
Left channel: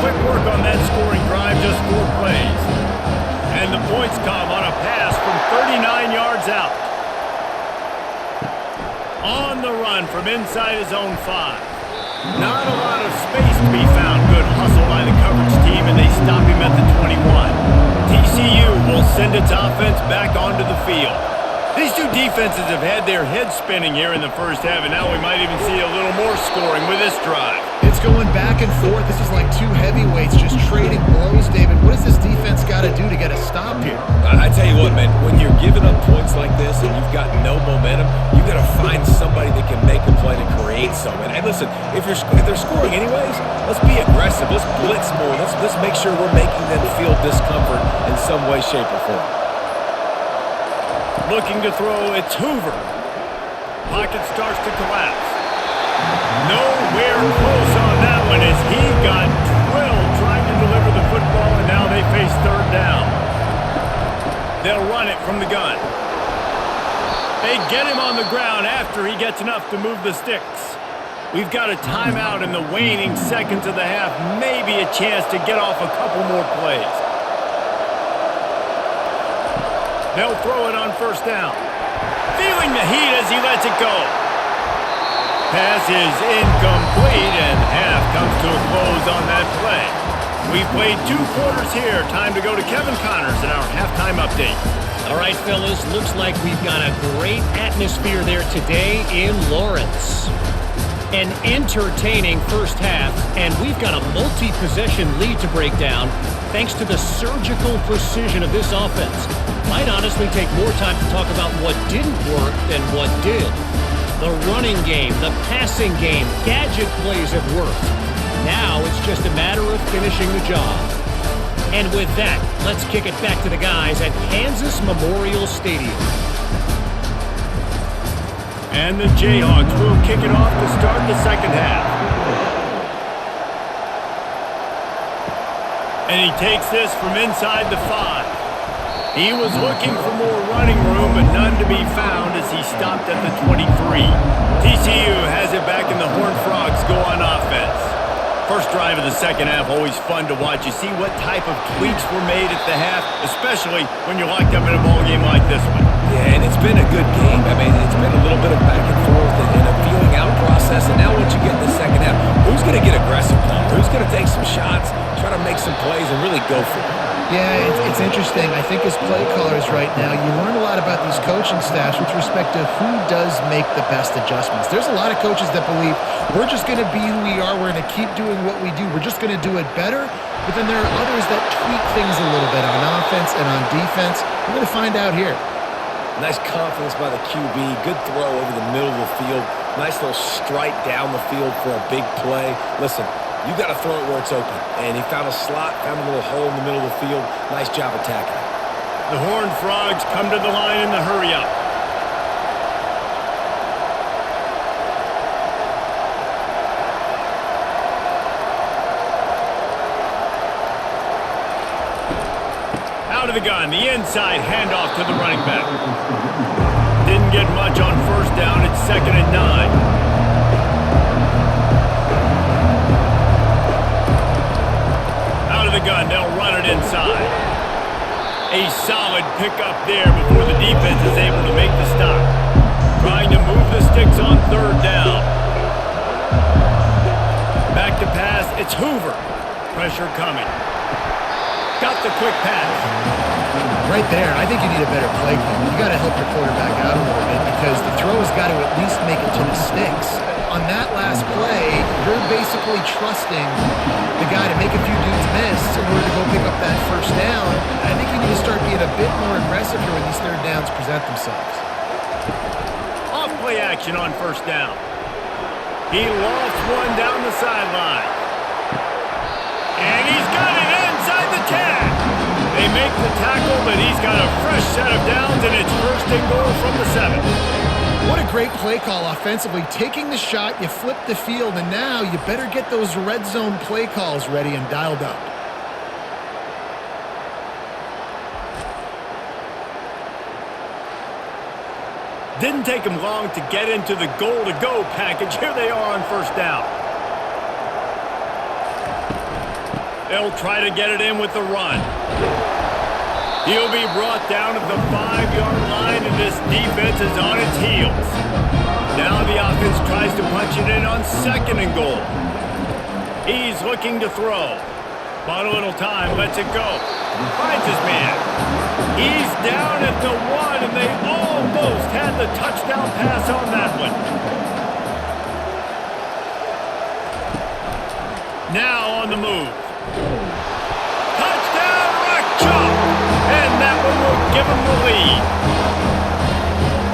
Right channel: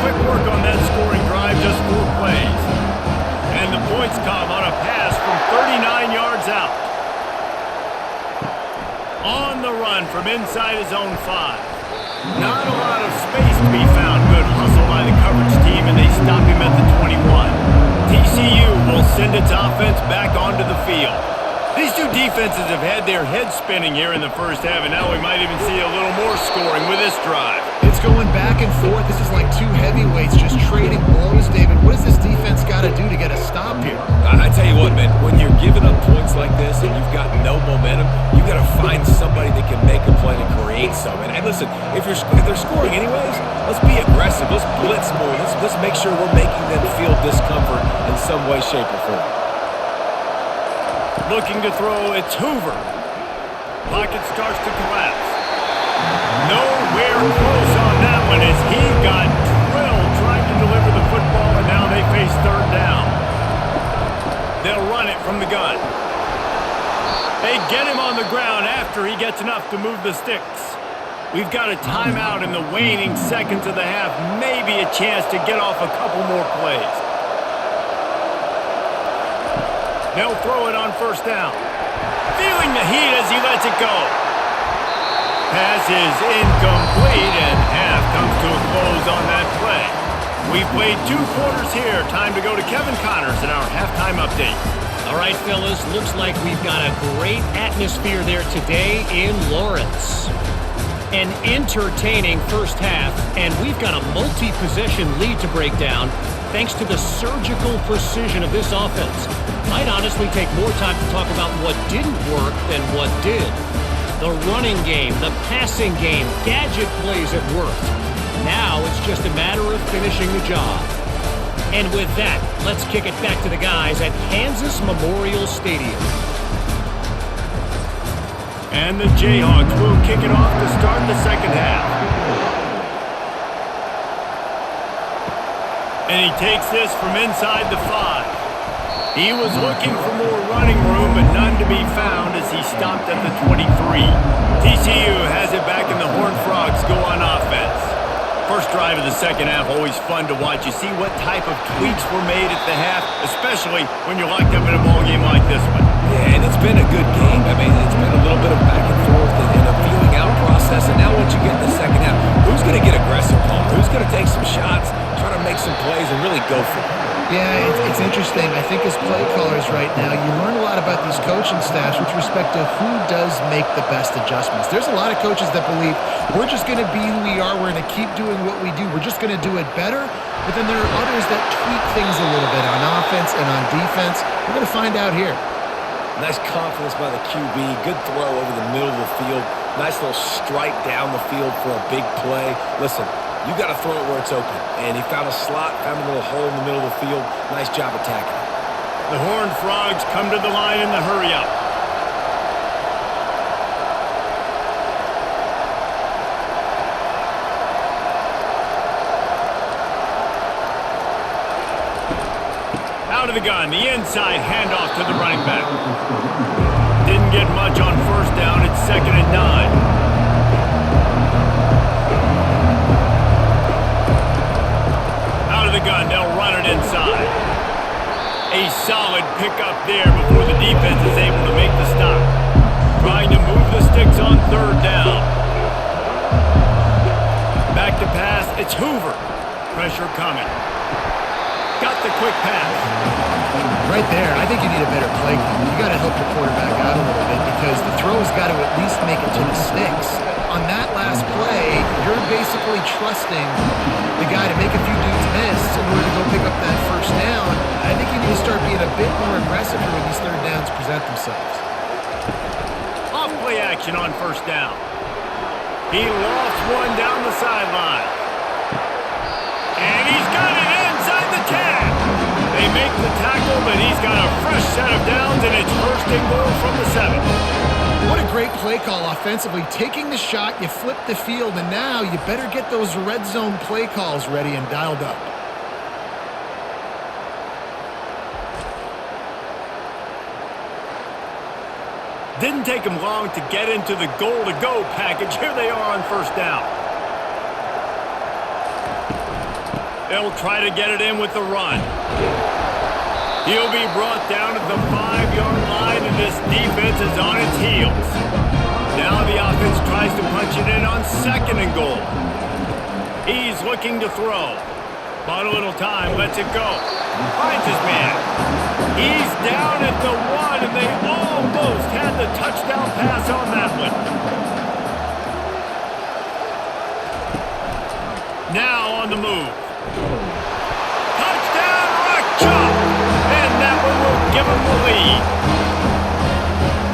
Quick work on that scoring drive, just 4 plays. And the points come on a pass from 39 yards out. On the run from inside his own 5. Not a lot of space to be found. Good hustle by the coverage team, and they stop him at the 21. TCU will send its offense back onto the field. These two defenses have had their heads spinning here in the first half, and now we might even see a little more scoring with this drive. It's going back and forth. This is like two heavyweights just trading blows, David. What does this defense got to do to get a stop here? I tell you what, man, when you're giving up points like this and you've got no momentum, you got to find somebody that can make a play to create something. And listen, if they're scoring anyways, let's be aggressive. Let's blitz more. Let's make sure we're making them feel discomfort in some way, shape, or form. Looking to throw, it's Hoover. Pocket starts to collapse. Nowhere close on that one as he got drilled trying to deliver the football, and now they face third down. They'll run it from the gun. They get him on the ground after he gets enough to move the sticks. We've got a timeout in the waning seconds of the half, maybe a chance to get off a couple more plays. They'll throw it on first down. Feeling the heat as he lets it go. Pass is incomplete, and half comes to a close on that play. We've played 2 quarters here. Time to go to Kevin Connors in our halftime update. All right, fellas, looks like we've got a great atmosphere there today in Lawrence. An entertaining first half, and we've got a multi-possession lead to break down thanks to the surgical precision of this offense. Might honestly take more time to talk about what didn't work than what did. The running game, the passing game, gadget plays have worked. Now it's just a matter of finishing the job. And with that, let's kick it back to the guys at Kansas Memorial Stadium. And the Jayhawks will kick it off to start the second half. And he takes this from inside the 5. He was looking for more running room, but none to be found as he stopped at the 23. TCU has it back, and the Horned Frogs go on offense. First drive of the second half, always fun to watch. You see what type of tweaks were made at the half, especially when you're locked up in a ball game like this one. Yeah, and it's been a good game. I mean, it's been a little bit of back and forth and a feeling out process. And now once you get in the second half, who's going to get aggressive, Palmer? Who's going to take some shots, try to make some plays, and really go for it? Yeah, it's interesting. I think as play callers right now, you learn a lot about these coaching staffs with respect to who does make the best adjustments. There's a lot of coaches that believe we're just going to be who we are. We're going to keep doing what we do. We're just going to do it better. But then there are others that tweak things a little bit on offense and on defense. We're going to find out here. Nice confidence by the QB. Good throw over the middle of the field. Nice little strike down the field for a big play. Listen, you got to throw it where it's open. And he found a slot, found a little hole in the middle of the field. Nice job attacking it. The Horned Frogs come to the line in the hurry-up. Out of the gun, the inside handoff to the running back. Didn't get much on first down. It's 2nd and 9. Out of the gun, they'll run it inside. A solid pickup there before the defense is able to make the stop. Trying to move the sticks on third down. Back to pass, it's Hoover. Pressure coming. Got the quick pass. Right there, I think you need a better play call. You got to help your quarterback out a little bit because the throw has got to at least make it to the sticks. On that last play, you're basically trusting the guy to make a few dudes miss in order to go pick up that first down. I think you need to start being a bit more aggressive here when these third downs present themselves. Off play action on first down. He lofts one down the sideline. And he's got it inside the 10. They make the tackle, but he's got a fresh set of downs, and it's 1st and goal from the 7. What a great play call offensively. Taking the shot, you flip the field, and now you better get those red zone play calls ready and dialed up. Didn't take him long to get into the goal-to-go package. Here they are on first down. They'll try to get it in with the run. He'll be brought down at the 5-yard line, and this defense is on its heels. Now the offense tries to punch it in on 2nd and goal. He's looking to throw. Bought a little time, lets it go. Finds his man. He's down at the 1, and they almost had the touchdown pass on that one. Now on the move. Touchdown, rock chalk! And that one will give him the lead.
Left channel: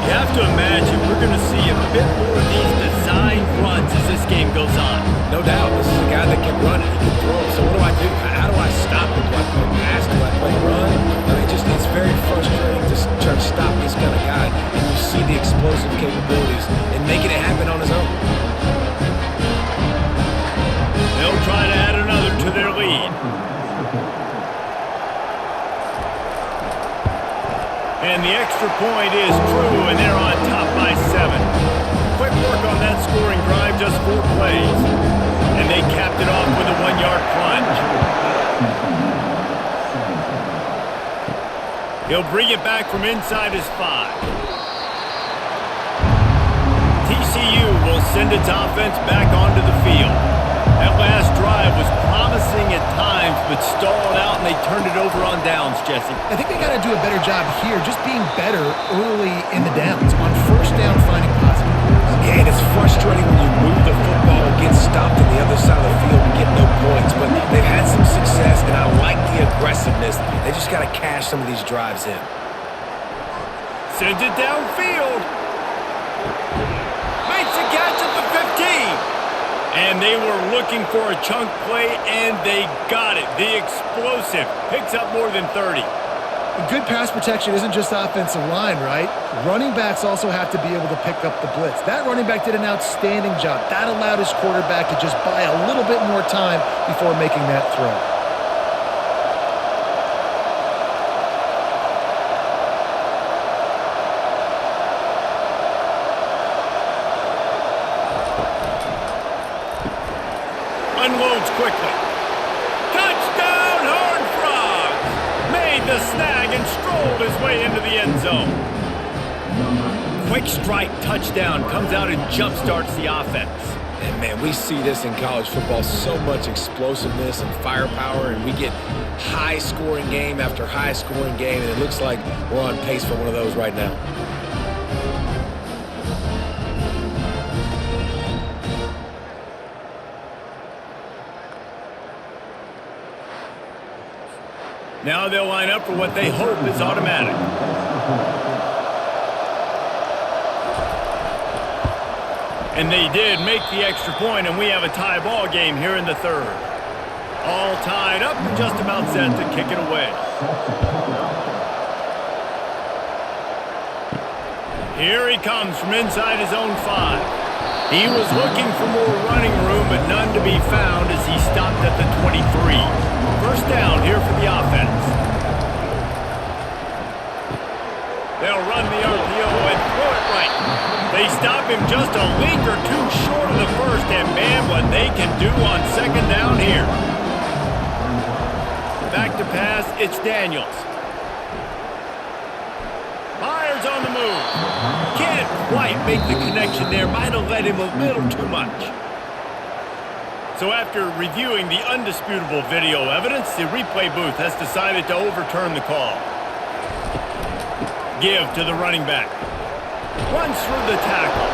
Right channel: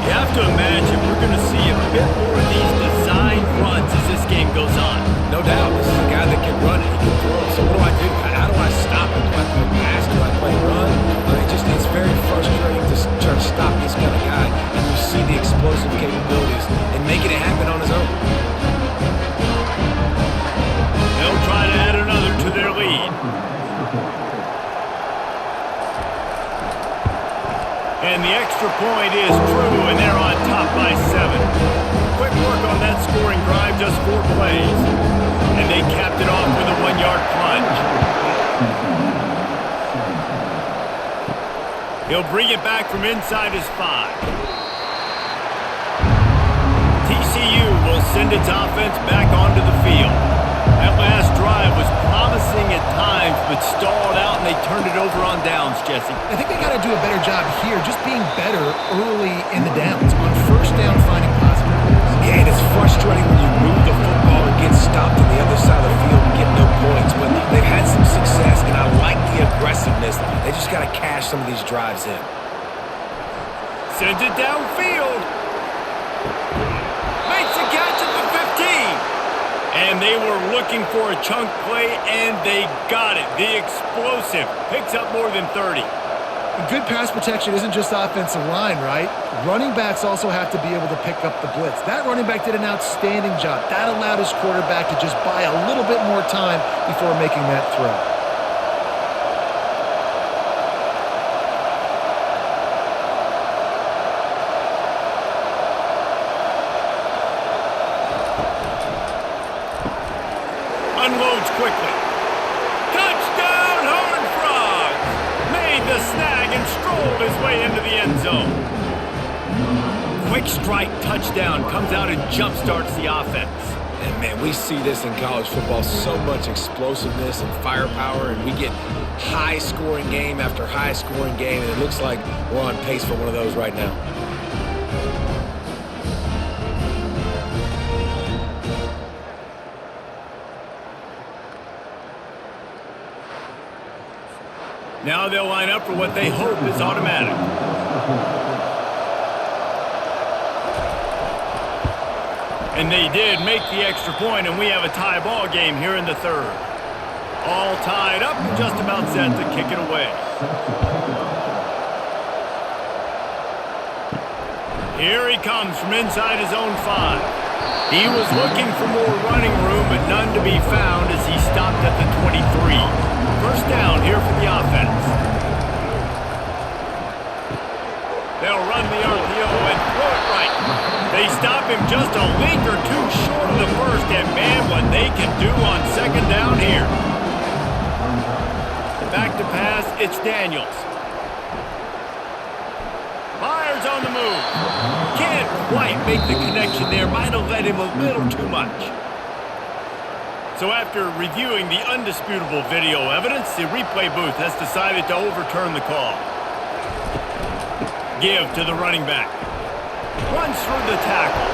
You have to imagine we're going to see a bit more of these design runs as this game goes on. No doubt. This is a guy that can run it. He can throw it. So what do I do? How do I stop it? Do I play pass? Do I play run? I mean, it's very frustrating to try to stop this kind of guy. And you see the explosive capabilities and making it happen on his own. They'll try to add another to their lead. And the extra point is true, and they're on top by 7. Quick work on that scoring drive, just 4 plays. And they capped it off with a 1-yard plunge. He'll bring it back from inside his 5. TCU will send its offense back onto the field. That last drive was promising at times, but stalled out, and they turned it over on downs, Jesse. I think they got to do a better job here, just being better early in the downs. On first down, finding positive plays. Yeah, and it's frustrating when you move the football and get stopped on the other side of the field and get no points. But they've had some success, and I like the aggressiveness. They just got to cash some of these drives in. Sends it downfield. Makes a catch at the 15. And they were looking for a chunk play, and they got it. The explosive picks up more than 30. Good pass protection isn't just offensive line, right? Running backs also have to be able to pick up the blitz. That running back did an outstanding job. That allowed his quarterback to just buy a little bit more time before making that throw. Unloads quickly. Touchdown, Horned Frogs! Made the snag and strolled his way into the end zone. Quick strike touchdown comes out and jump-starts the offense. And, man, we see this in college football, so much explosiveness and firepower, and we get high-scoring game after high-scoring game, and it looks like we're on pace for one of those right now. Now they'll line up for what they hope is automatic. And they did make the extra point, and we have a tie ball game here in the 3rd. All tied up and just about set to kick it away. Here he comes from inside his own 5. He was looking for more running room, but none to be found as he stopped at the 23. First down here for the offense. They'll run the RPO and throw it right. They stop him just a link or two short of the first, and man, what they can do on 2nd down here. Back to pass, it's Daniels. Fires on the move. Can't quite make the connection there. Might have led him a little too much. So after reviewing the undisputable video evidence, the replay booth has decided to overturn the call. Give to the running back. Runs through the tackle.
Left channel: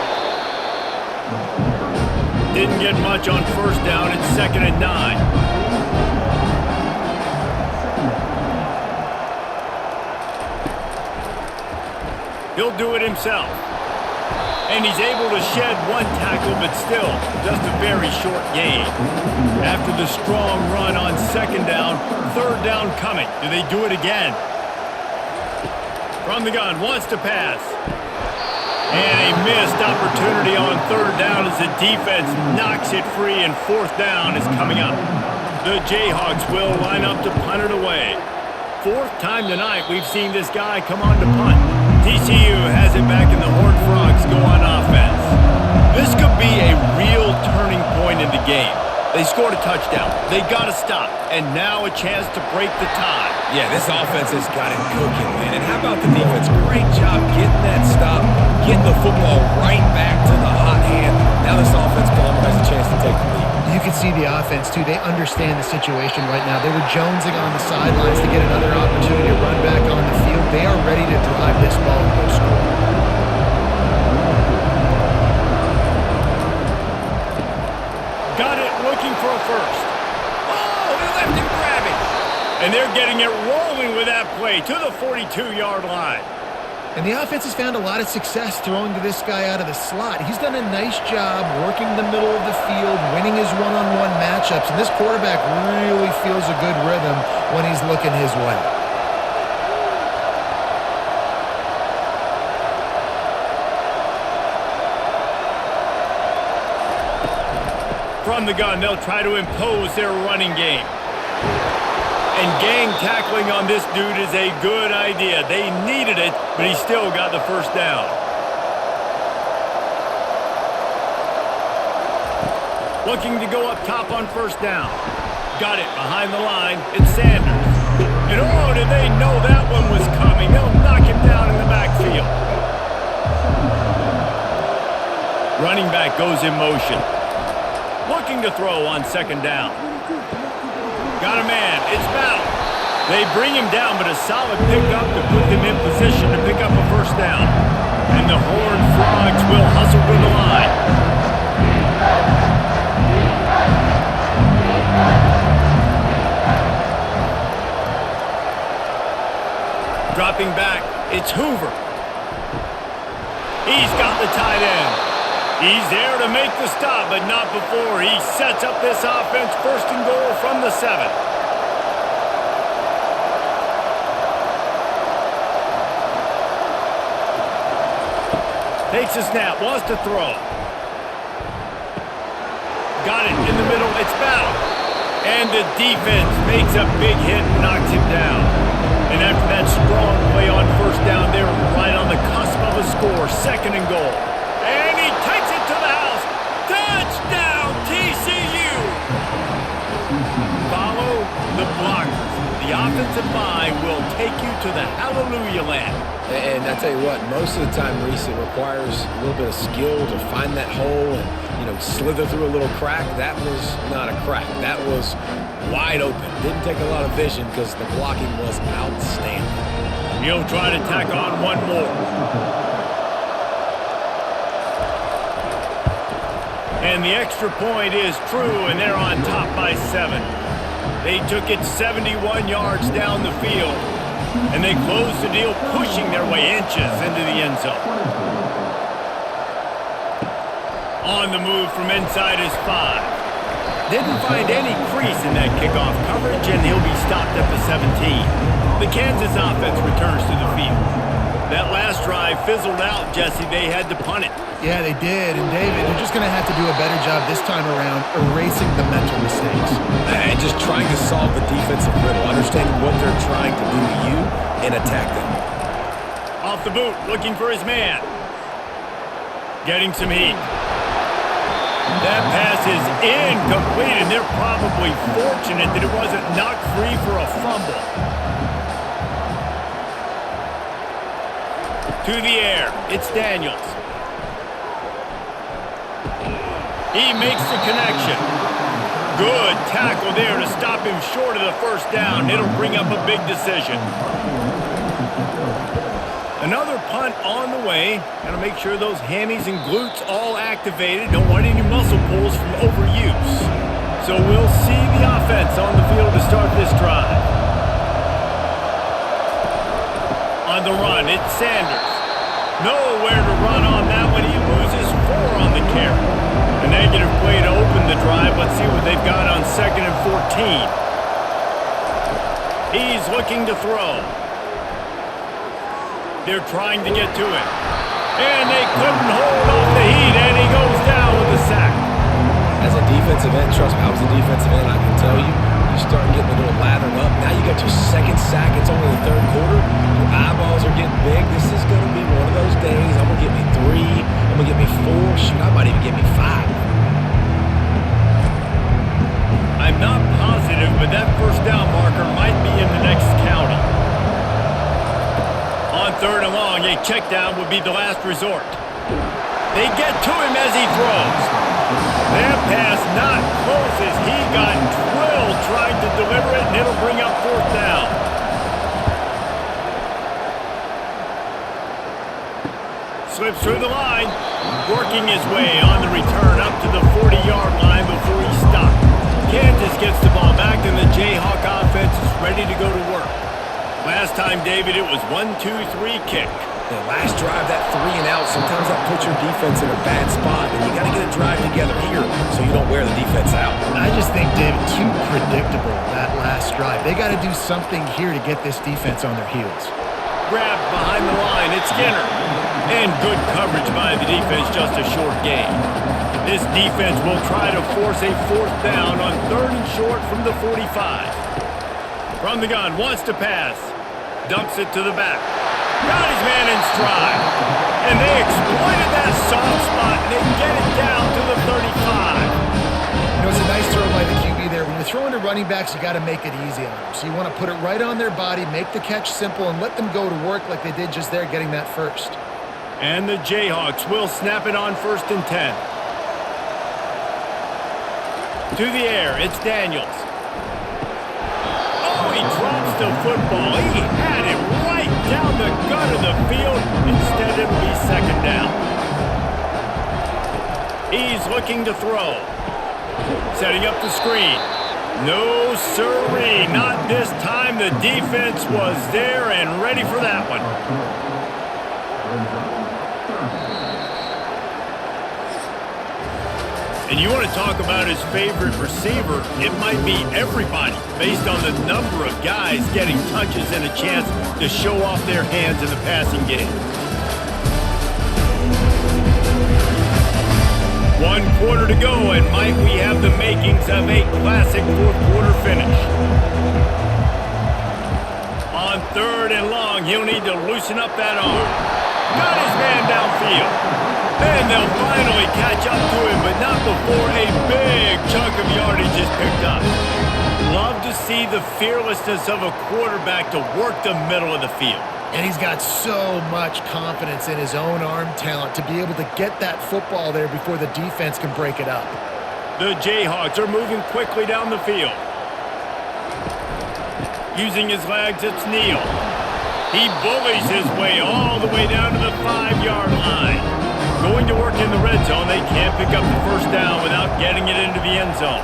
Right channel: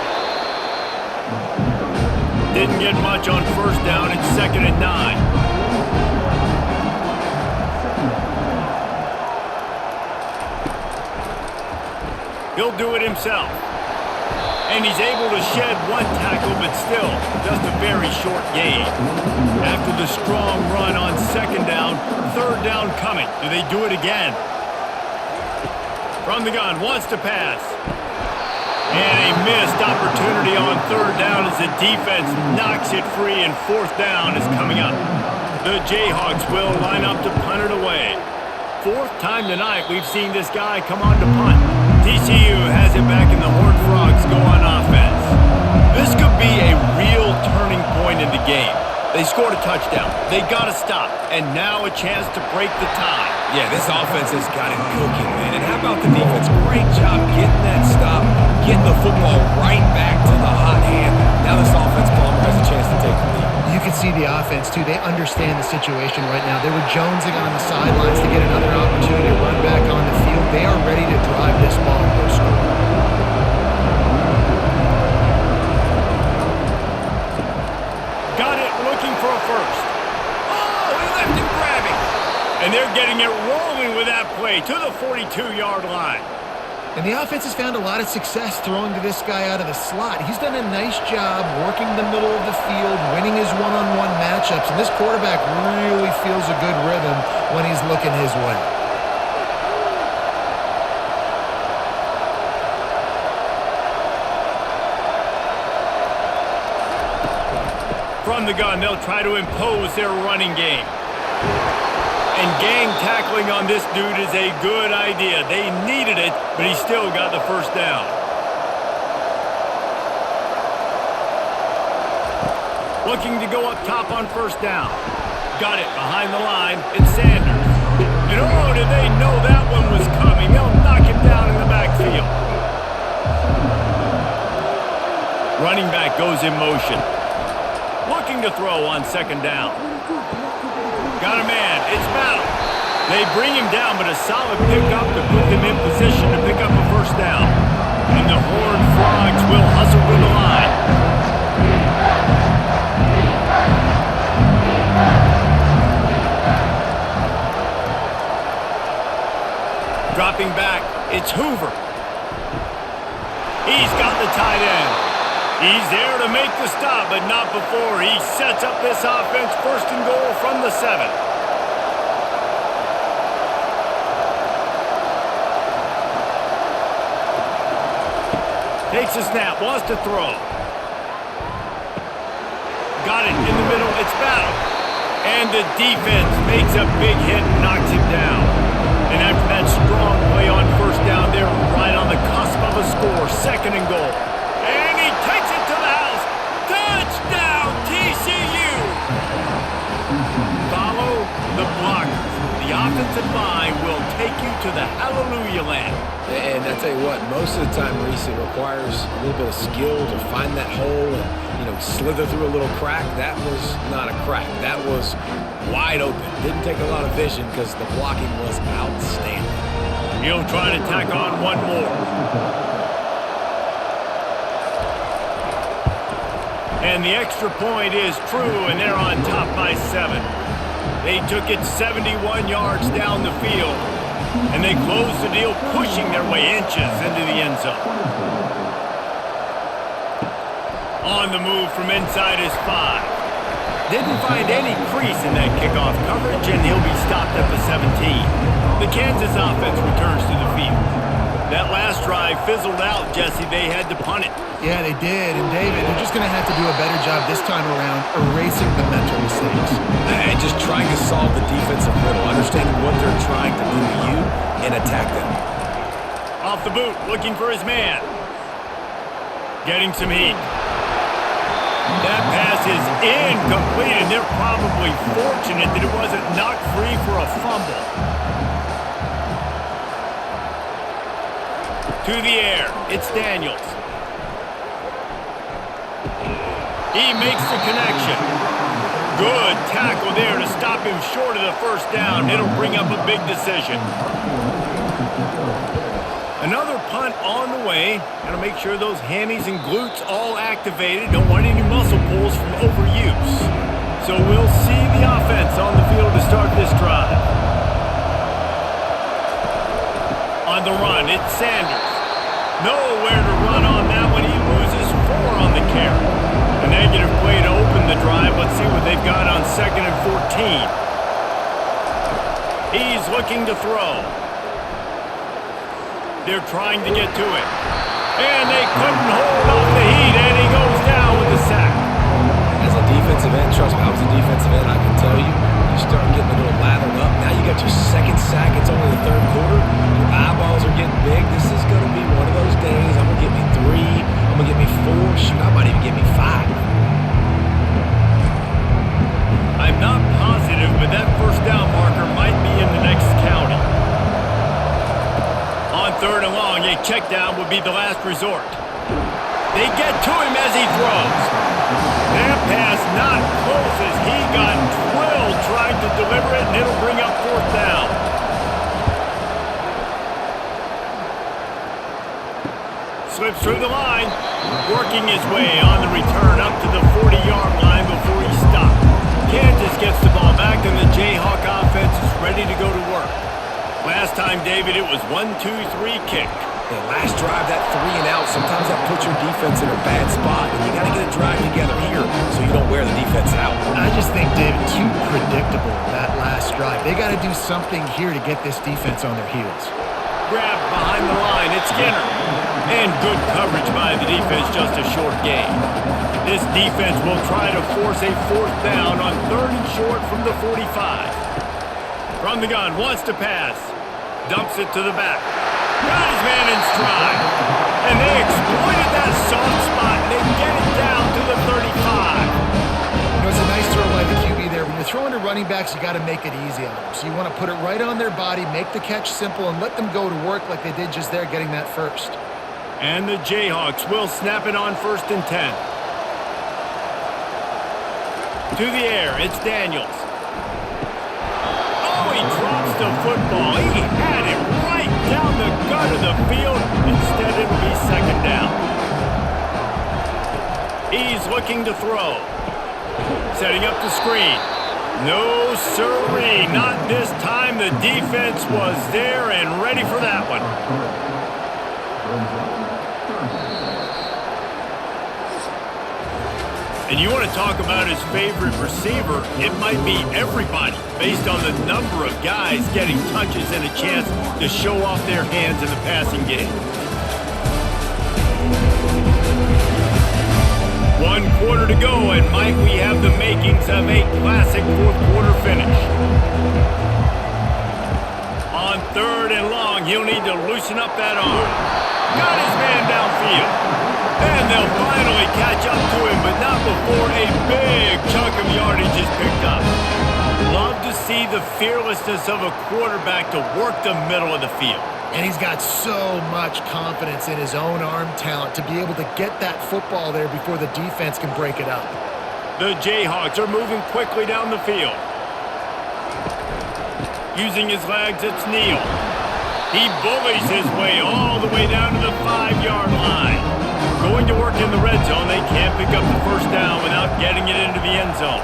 Didn't get much on first down. It's 2nd and 9. He'll do it himself. And he's able to shed 1 tackle, but still, just a very short gain. After the strong run on 2nd down, 3rd down coming. Do they do it again? From the gun, wants to pass. And a missed opportunity on 3rd down as the defense knocks it free, and 4th down is coming up. The Jayhawks will line up to punt it away. 4th time tonight we've seen this guy come on to punt. TCU has it back, and the Horned Frogs go on offense. This could be a real turning point in the game. They scored a touchdown. They got to stop. And now a chance to break the tie. Yeah, this offense has got it cooking, man. And how about the defense? Great job getting that stop, getting the football right back to the hot hand. Now this offense, Palmer, has a chance to take the lead. You can see the offense, too. They understand the situation right now. They were jonesing on the sidelines to get another opportunity to run back on the field. They are ready to drive this ball and go score. Got it, looking for a first. Oh, he left him grabbing. And they're getting it rolling with that play to the 42-yard line. And the offense has found a lot of success throwing to this guy out of the slot. He's done a nice job working the middle of the field, winning his one-on-one matchups, and this quarterback really feels a good rhythm when he's looking his way. From the gun, they'll try to impose their running game. And gang tackling on this dude is a good idea. They needed it, but he still got the first down. Looking to go up top on first down. Got it behind the line. It's Sanders. And oh, did they know that one was coming? They'll knock him down in the backfield. Running back goes in motion. Looking to throw on second down. Got a man. It's Battle. They bring him down, but a solid pickup to put them in position to pick up a first down. And the Horned Frogs will hustle to the line. Dropping back, it's Hoover. He's got the tight end. He's there to make the stop, but not before he sets up this offense first and goal from the 7. Takes a snap, wants to throw. Got it in the middle, it's Battle. And the defense makes a big hit and knocks him down. And after that strong play on first down, they're right on the cusp of a score, second and goal. And he takes it to the house. Touchdown, TCU! Follow the blockers. The offensive line will take you to the hallelujah land. And I tell you what, most of the time, Reese, it requires a little bit of skill to find that hole and, slither through a little crack. That was not a crack. That was wide open. Didn't take a lot of vision because the blocking was outstanding. He'll try to tack on one more. And the extra point is true, and they're on top by 7. They took it 71 yards down the field, and they closed the deal, pushing their way inches into the end zone. On the move from inside his 5. Didn't find any crease in that kickoff coverage, and he'll be stopped at the 17. The Kansas offense returns to the field. That last drive fizzled out, Jesse. They had to punt it. Yeah, they did. And, David, they're just going to have to do a better job this time around erasing the mental mistakes. And just trying to solve the defensive riddle, understanding what they're trying to do to you and attack them. Off the boot, looking for his man. Getting some heat. That pass is incomplete, and they're probably fortunate that it wasn't knocked free for a fumble. To the air, it's Daniels. He makes the connection. Good tackle there to stop him short of the first down. It'll bring up a big decision. Another punt on the way. Got to make sure those hammies and glutes all activated. Don't want any muscle pulls from overuse. So we'll see the offense on the field to start this drive. On the run, it's Sanders. Nowhere to run on that one. He loses 4 on the carry. A negative play to open the drive. Let's see what they've got on 2nd and 14. He's looking to throw. They're trying to get to it. And they couldn't hold off the heat, and he goes down with the sack. As a defensive end, trust me, I was a defensive end, I can tell you, you start getting a little lathered up. Now you got your 2nd sack. It's only the 3rd quarter. Your eyeballs are getting big. This is going to be one of those days. I'm going to get me 3. I'm going to get me 4. Shoot, I might even get me 5. I'm not positive, but that first down marker might be in the next county. On 3rd and long, a check down would be the last resort. They get to him as he throws. That pass not close as he got drilled trying to deliver it, and it'll bring up 4th down. Slips through the line, working his way on the return up to the 40-yard line before he stopped. Kansas gets the ball back, and the Jayhawk offense is ready to go to work. Last time, David, it was 1-2-3 kick. The last drive, that 3 and out, sometimes that puts your defense in a bad spot, and you got to get a drive together here so you don't wear the defense out. I just think, David, too predictable, that last drive. They got to do something here to get this defense on their heels. Grabbed behind the line, it's Skinner. And good coverage by the defense, just a short gain. This defense will try to force a 4th down on 3rd and short from the 45. From the gun, wants to pass. Dumps it to the back. Got his man in stride. And they exploited that soft spot, and they get it down to the 35. You know, it's a nice throw by the QB there. When you're throwing to running backs, you got to make it easy on them. So you want to put it right on their body, make the catch simple, and let them go to work like they did just there, getting that first. And the Jayhawks will snap it on 1st and 10. To the air, it's Daniels. Oh, he drops the football. He had it right down the gut of the field. Instead, it'll be 2nd down. He's looking to throw. Setting up the screen. No sirree, not this time. The defense was there and ready for that one. And you want to talk about his favorite receiver, it might be everybody, based on the number of guys getting touches and a chance to show off their hands in the passing game. 1 quarter to go, and might we have the makings of a classic 4th quarter finish. On 3rd and long, he'll need to loosen up that arm. Got his man downfield. And they'll finally catch up to him, but not before a big chunk of yardage is picked up. Love to see the fearlessness of a quarterback to work the middle of the field. And he's got so much confidence in his own arm talent to be able to get that football there before the defense can break it up. The Jayhawks are moving quickly down the field. Using his legs, it's Neal. He bullies his way all the way down to the 5-yard line. Going to work in the red zone, they can't pick up the 1st down without getting it into the end zone.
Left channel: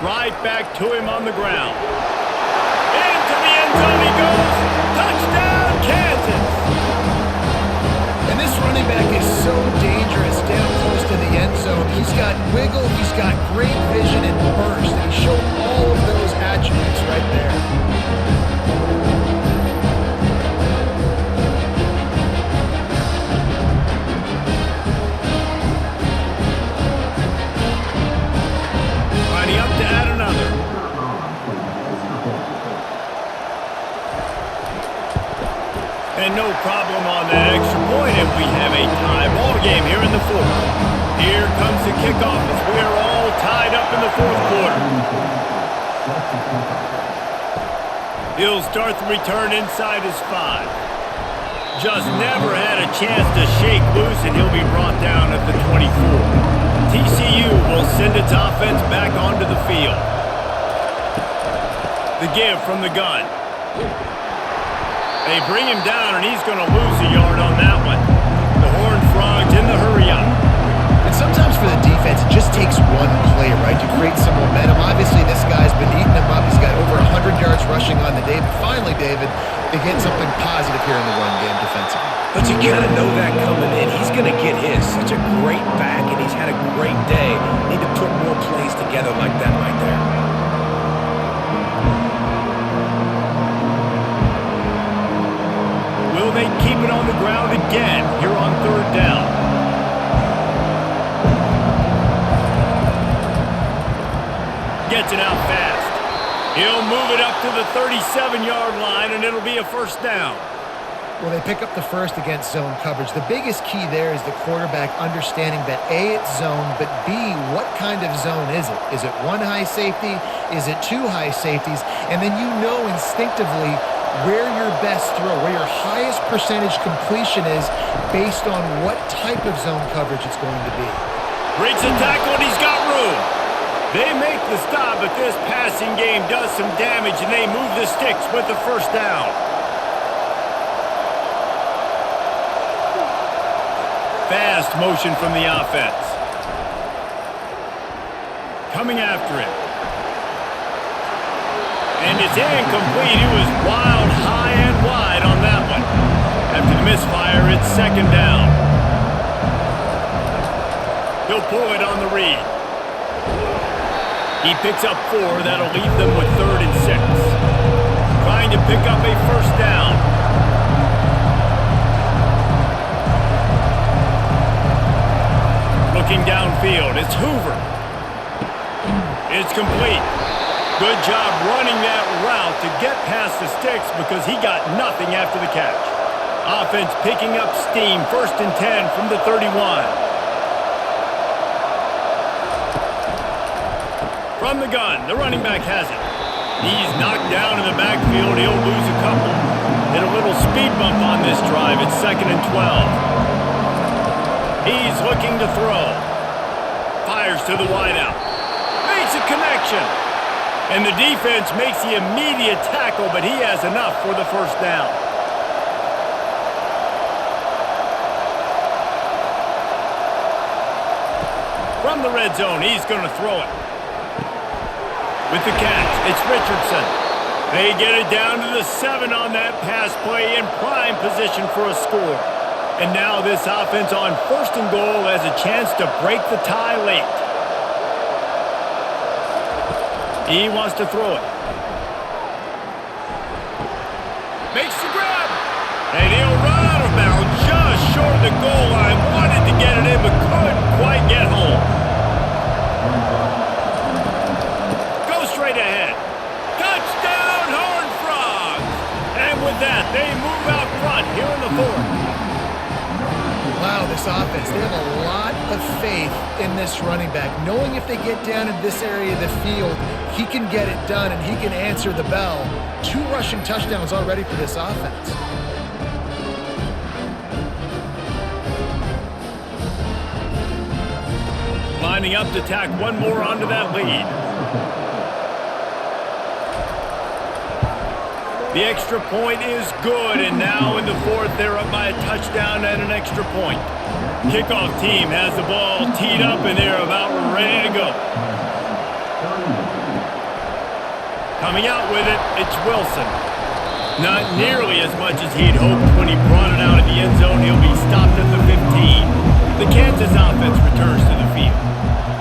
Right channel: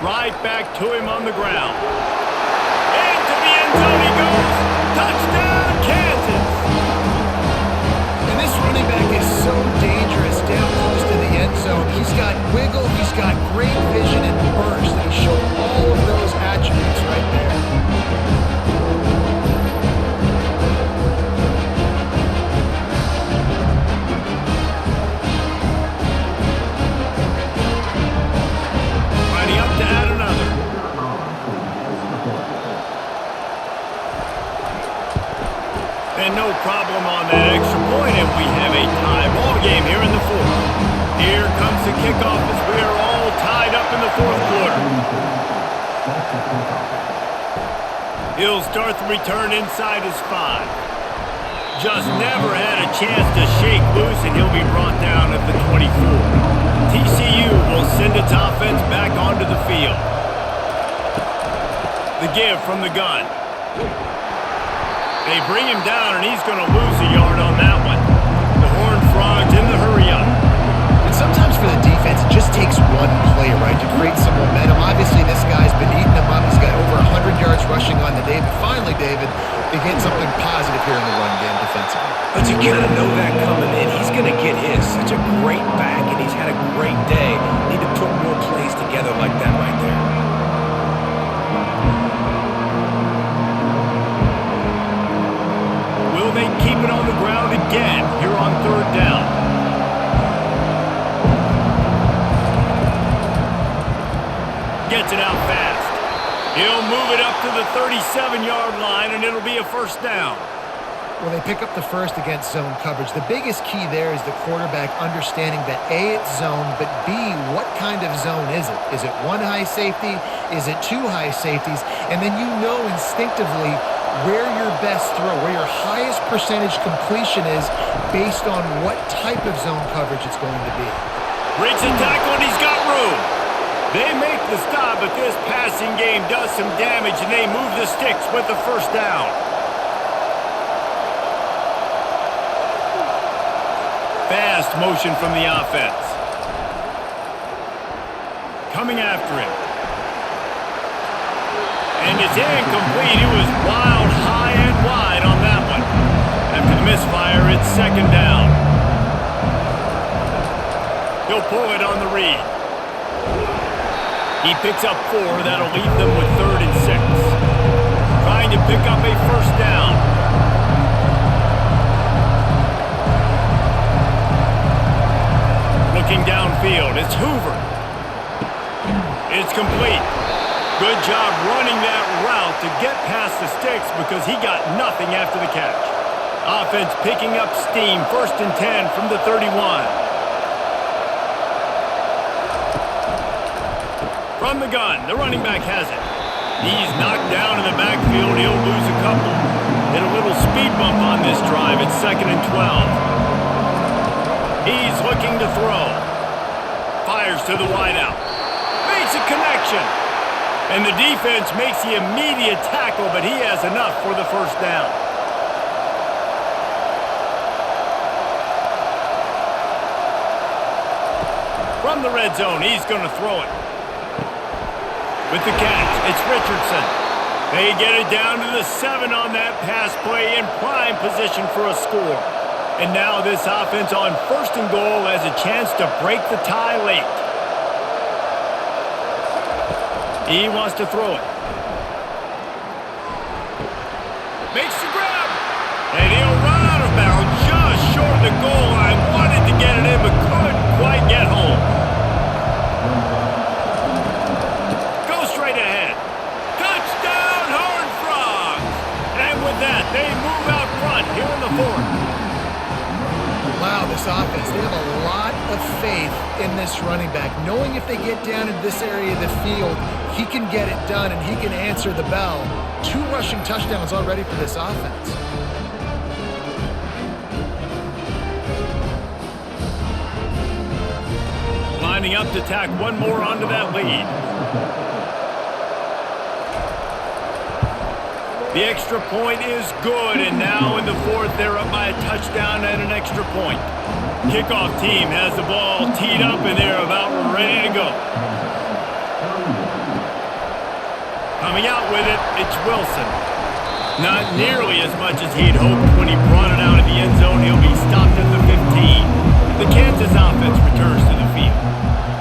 Right back to him on the ground. Into the end zone he goes. Touchdown, Kansas! And this running back is so dangerous down close to the end zone. He's got wiggle, he's got great vision and burst, and he showed all of those attributes right there. Lining up to add another. And no problem on that extra point, and we have a tie ball game here in the 4th. Here comes the kickoff as we are all tied up in the 4th quarter. He'll start the return inside his 5. Just never had a chance to shake loose, and he'll be brought down at the 24. TCU will send its offense back onto the field. The give from the gun. They bring him down, and he's going to lose a yard on that one. The Horned Frogs in the hurry-up. And sometimes for the defense, it just takes one play, right, to create some momentum. Obviously, this guy's been eating them up. He's got over 100 yards rushing on the day. But finally, David, they get something positive here in the run game defensively. But you kind of know that coming in. He's going to get his. Such a great back, and he's had a great day. Need to put more plays together like that right there. Will they keep it on the ground again here on 3rd down? Gets it out fast. He'll move it up to the 37-yard line, and it'll be a 1st down. Well, they pick up the first against zone coverage. The biggest key there is the quarterback understanding that A, it's zone, but B, what kind of zone is it? Is it one high safety? Is it two high safeties? And then you know instinctively where your best throw, where your highest percentage completion is based on what type of zone coverage it's going to be. Breaks the tackle, and he's got room. They make the stop, but this passing game does some damage, and they move the sticks with the first down. Fast motion from the offense. Coming after him. And it's incomplete. It was wild, high and wide on that one. After the misfire, it's second down. He'll pull it on the read. He picks up 4. That'll leave them with 3rd and 6. Trying to pick up a first down. Looking downfield, it's Hoover. It's complete. Good job running that route to get past the sticks because he got nothing after the catch. Offense picking up steam, 1st and 10 from the 31. From the gun, the running back has it. He's knocked down in the backfield. He'll lose a couple. Hit a little speed bump on this drive. It's 2nd and 12. He's looking to throw. Fires to the wideout. Makes a connection. And the defense makes the immediate tackle, but he has enough for the first down. From the red zone, he's going to throw it. With the catch, it's Richardson. They get it down to the 7 on that pass play in prime position for a score. And now this offense on 1st and goal has a chance to break the tie late. He wants to throw it. Makes the grab. And he'll run out of bounds just short of the goal line. Wanted to get it in, but couldn't quite get home. Go straight ahead. Touchdown, Horned Frogs! And with that, they move out front here in the 4th. Wow, this offense, they have a lot of faith in this running back, knowing if they get down into this area of the field, he can get it done and he can answer the bell. 2 rushing touchdowns already for this offense. Lining up to tack one more onto that lead. The extra point is good, and now in the 4th, they're up by a touchdown and an extra point. Kickoff team has the ball teed up, and they're about ready to go. Coming out with it, it's Wilson. Not nearly as much as he'd hoped when he brought it out of the end zone. He'll be stopped at the 15. The Kansas offense returns to the field.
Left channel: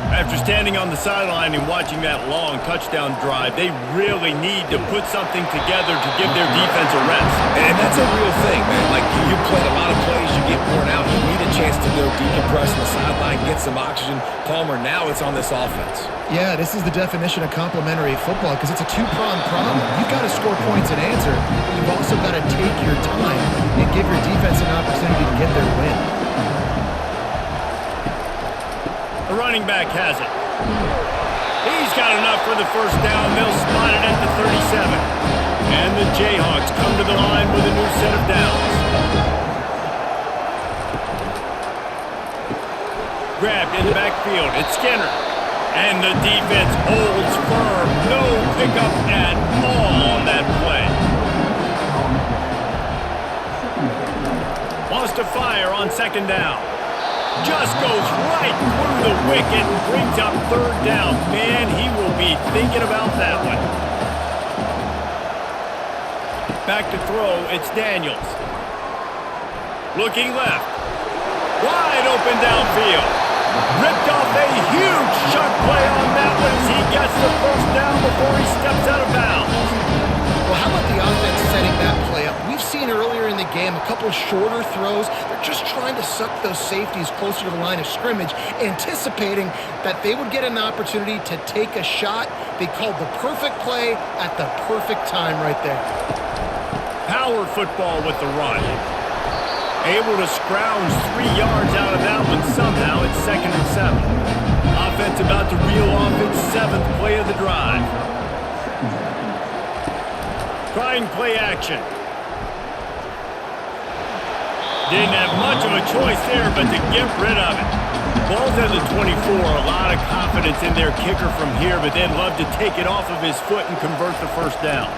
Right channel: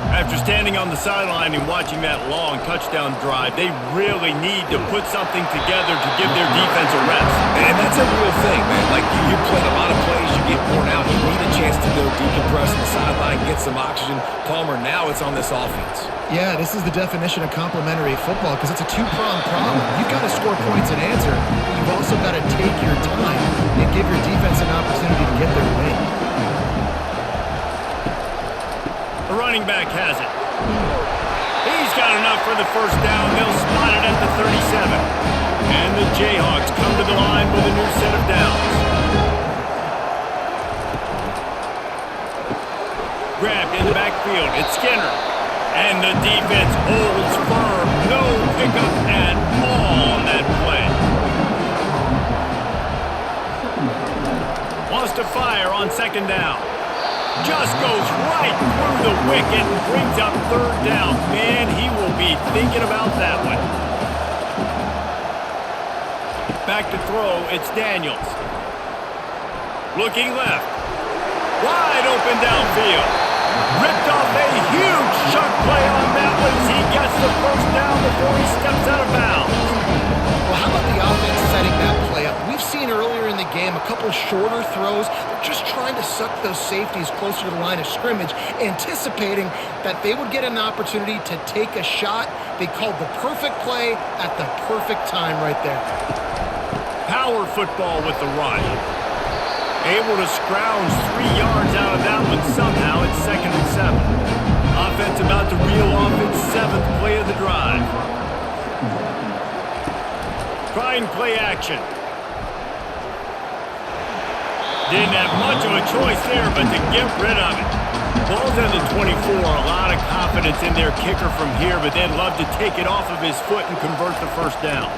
After standing on the sideline and watching that long touchdown drive, they really need to put something together to give their defense a rest. And that's a real thing, man. Like, you played a lot of plays, you get worn out, you need a chance to go decompress on the sideline, get some oxygen. Palmer, now it's on this offense. Yeah, this is the definition of complementary football because it's a 2-pronged problem. You've got to score points and answer, but you've also got to take your time and give your defense an opportunity to get their win. The running back has it. He's got enough for the first down. They'll spot it at the 37. And the Jayhawks come to the line with a new set of downs. Grabbed in the backfield. It's Skinner. And the defense holds firm. No pickup at all on that play. Wants to fire on 2nd down. Just goes right through the wicket and brings up 3rd down. Man, he will be thinking about that one. Back to throw, it's Daniels. Looking left. Wide open downfield. Ripped off a huge chunk play on that one as he gets the first down before he steps out of bounds. Well, how about the offense setting that play up? We've seen earlier in the game a couple shorter throws. They're just trying to suck those safeties closer to the line of scrimmage, anticipating that they would get an opportunity to take a shot. They called the perfect play at the perfect time right there. Power football with the run. Able to scrounge 3 yards out of that one somehow. It's 2nd and 7. Offense about to reel off its 7th play of the drive. Trying play action. Didn't have much of a choice there, but to get rid of it. Ball's at the 24. A lot of confidence in their kicker from here, but they'd love to take it off of his foot and convert the first down.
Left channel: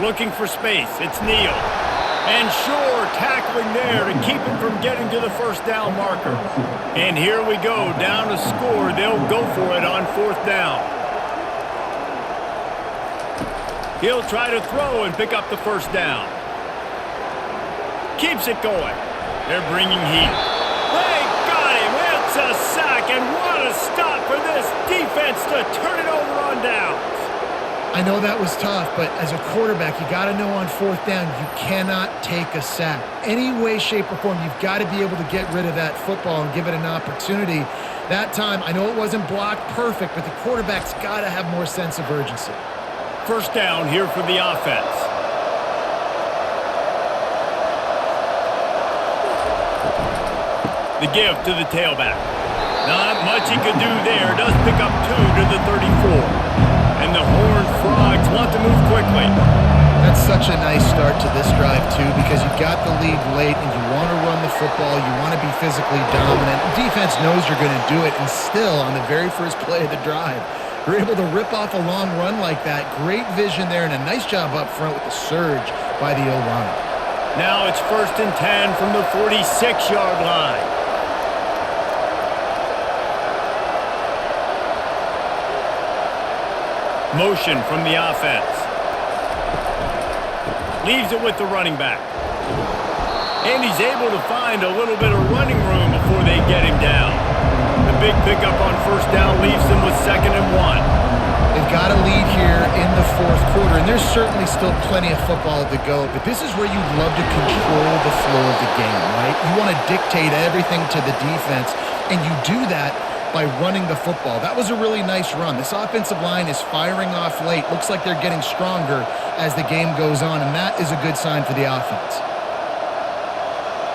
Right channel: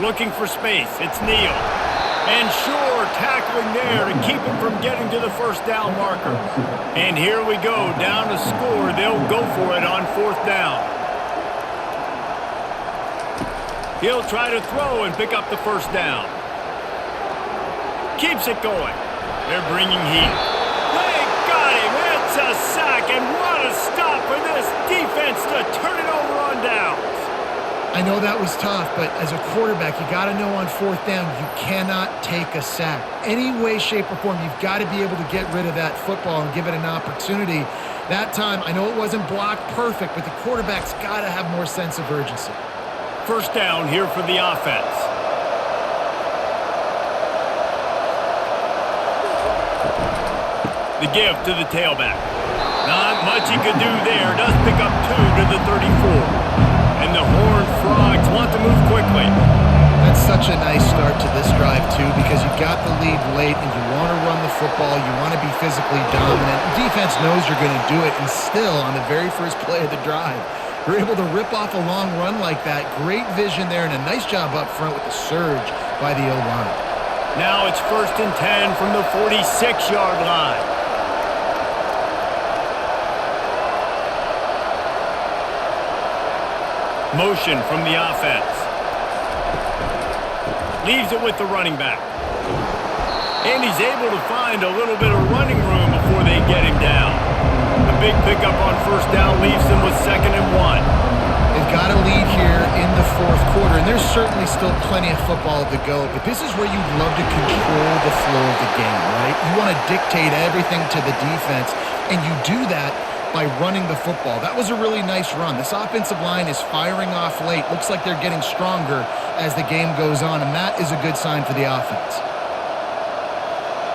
Looking for space. It's Neal. And sure, tackling there to keep him from getting to the first down marker. And here we go, down a score. They'll go for it on fourth down. He'll try to throw and pick up the first down. Keeps it going. They're bringing heat. They got him. It's a sack, and what a stop for this defense to turn it over on downs. I know that was tough, but as a quarterback, you got to know on fourth down, you cannot take a sack. Any way, shape, or form, you've got to be able to get rid of that football and give it an opportunity. That time, I know it wasn't blocked perfect, but the quarterback's got to have more sense of urgency. First down here for the offense. The give to the tailback. Not much he could do there. Does pick up 2 to the 34. And the Horned Frogs want to move quickly. That's such a nice start to this drive, too, because you've got the lead late and you want to run the football. You want to be physically dominant. Defense knows you're going to do it, and still, on the very first play of the drive, you're able to rip off a long run like that. Great vision there and a nice job up front with the surge by the O-line. Now it's 1st and 10 from the 46-yard line. Motion from the offense. Leaves it with the running back. And he's able to find a little bit of running room before they get him down. The big pickup on first down leaves them with 2nd and 1. They've got a lead here in the fourth quarter, and there's certainly still plenty of football to go, but this is where you'd love to control the flow of the game, right? You want to dictate everything to the defense, and you do that by running the football. That was a really nice run. This offensive line is firing off late. Looks like they're getting stronger as the game goes on, and that is a good sign for the offense.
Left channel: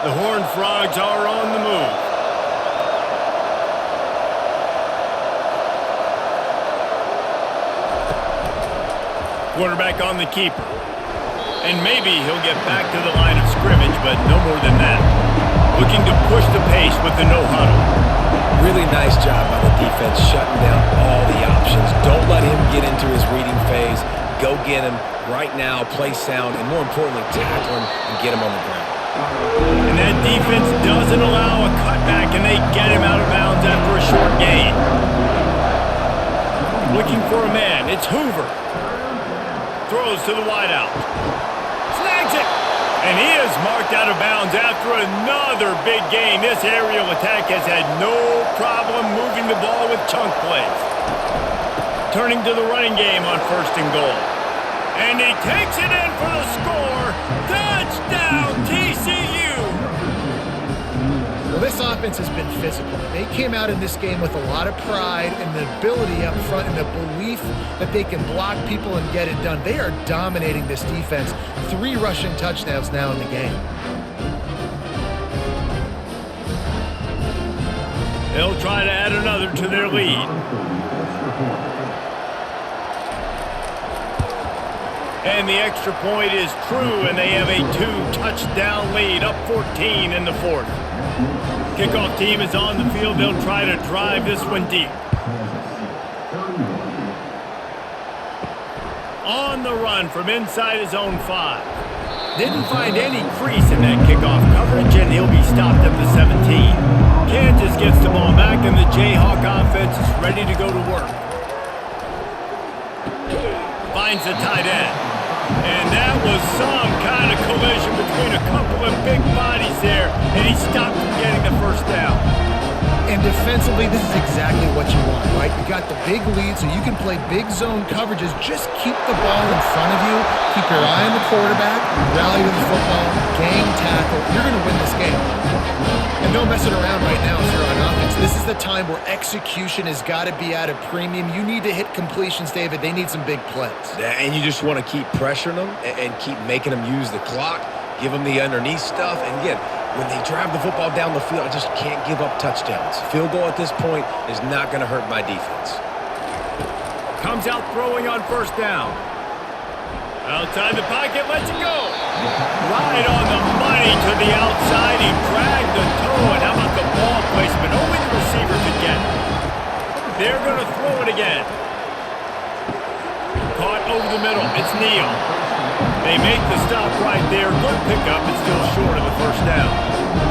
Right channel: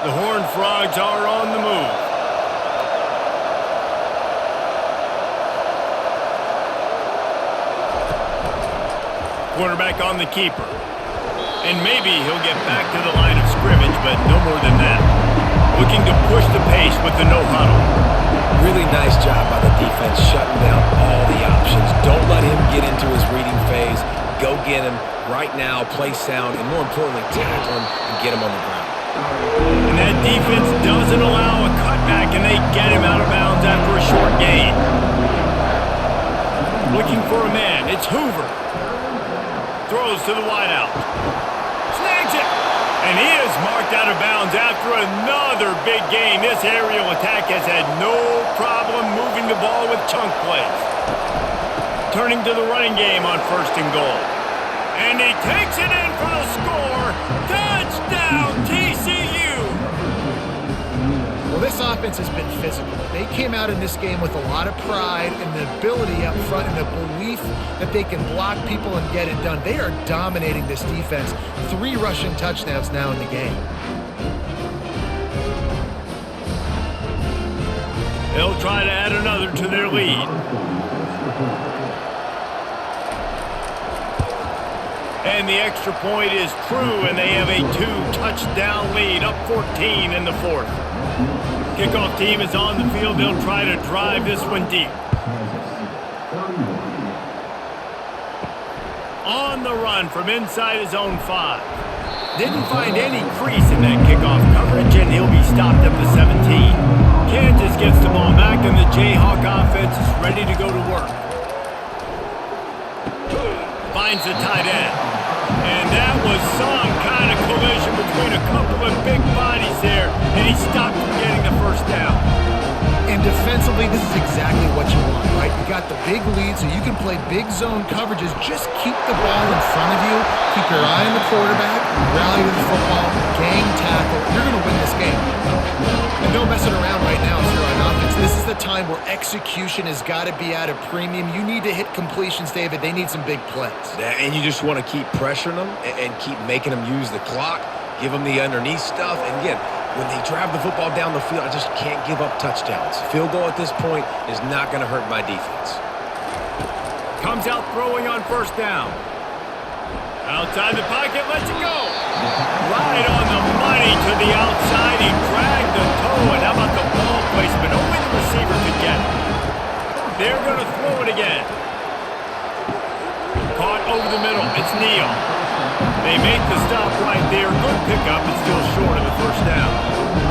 The Horned Frogs are on the move. Quarterback on the keeper. And maybe he'll get back to the line of scrimmage, but no more than that. Looking to push the pace with the no huddle. Really nice job by the defense shutting down all the options. Don't let him get into his reading phase. Go get him right now, play sound, and more importantly, tackle him and get him on the ground. And that defense doesn't allow a cutback, and they get him out of bounds after a short gain. Looking for a man. It's Hoover. Throws to the wideout. Snags it. And he is marked out of bounds after another big gain. This aerial attack has had no problem moving the ball with chunk plays. Turning to the running game on 1st and goal. And he takes it in for the score. Touchdown, TCU! Well, this offense has been physical. They came out in this game with a lot of pride and the ability up front and the belief that they can block people and get it done. They are dominating this defense. 3 rushing touchdowns now in the game. They'll try to add another to their lead. And the extra point is true, and they have a 2-touchdown lead, up 14 in the 4th. Kickoff team is on the field. They'll try to drive this one deep. On the run from inside his own 5. Didn't find any crease in that kickoff coverage, and he'll be stopped at the 17. Kansas gets the ball back, and the Jayhawk offense is ready to go to work. Finds the tight end. And that was some kind of collision between a couple of big bodies there, and he stopped from getting the first down. And defensively, this is exactly what you want, right? You got the big lead, so you can play big zone coverages. Just keep the ball in front of you. Keep your eye on the quarterback. Rally to the football. Gang tackle. You're going to win this game. And no messing around right now if you're on offense. This is the time where execution has got to be at a premium. You need to hit completions, David. They need some big plays. And you just want to keep pressuring them and keep making them use the clock. Give them the underneath stuff. And again, when they drive the football down the field, I just can't give up touchdowns. Field goal at this point is not going to hurt my defense. Comes out throwing on first down. Outside the pocket, lets it go. Right on the money to the outside. He dragged the toe, and how about the ball placement? Only the receiver could get it. They're going to throw it again. Caught over the middle. It's Neal. They make the stop right there. Good pickup. It's still short of the first down.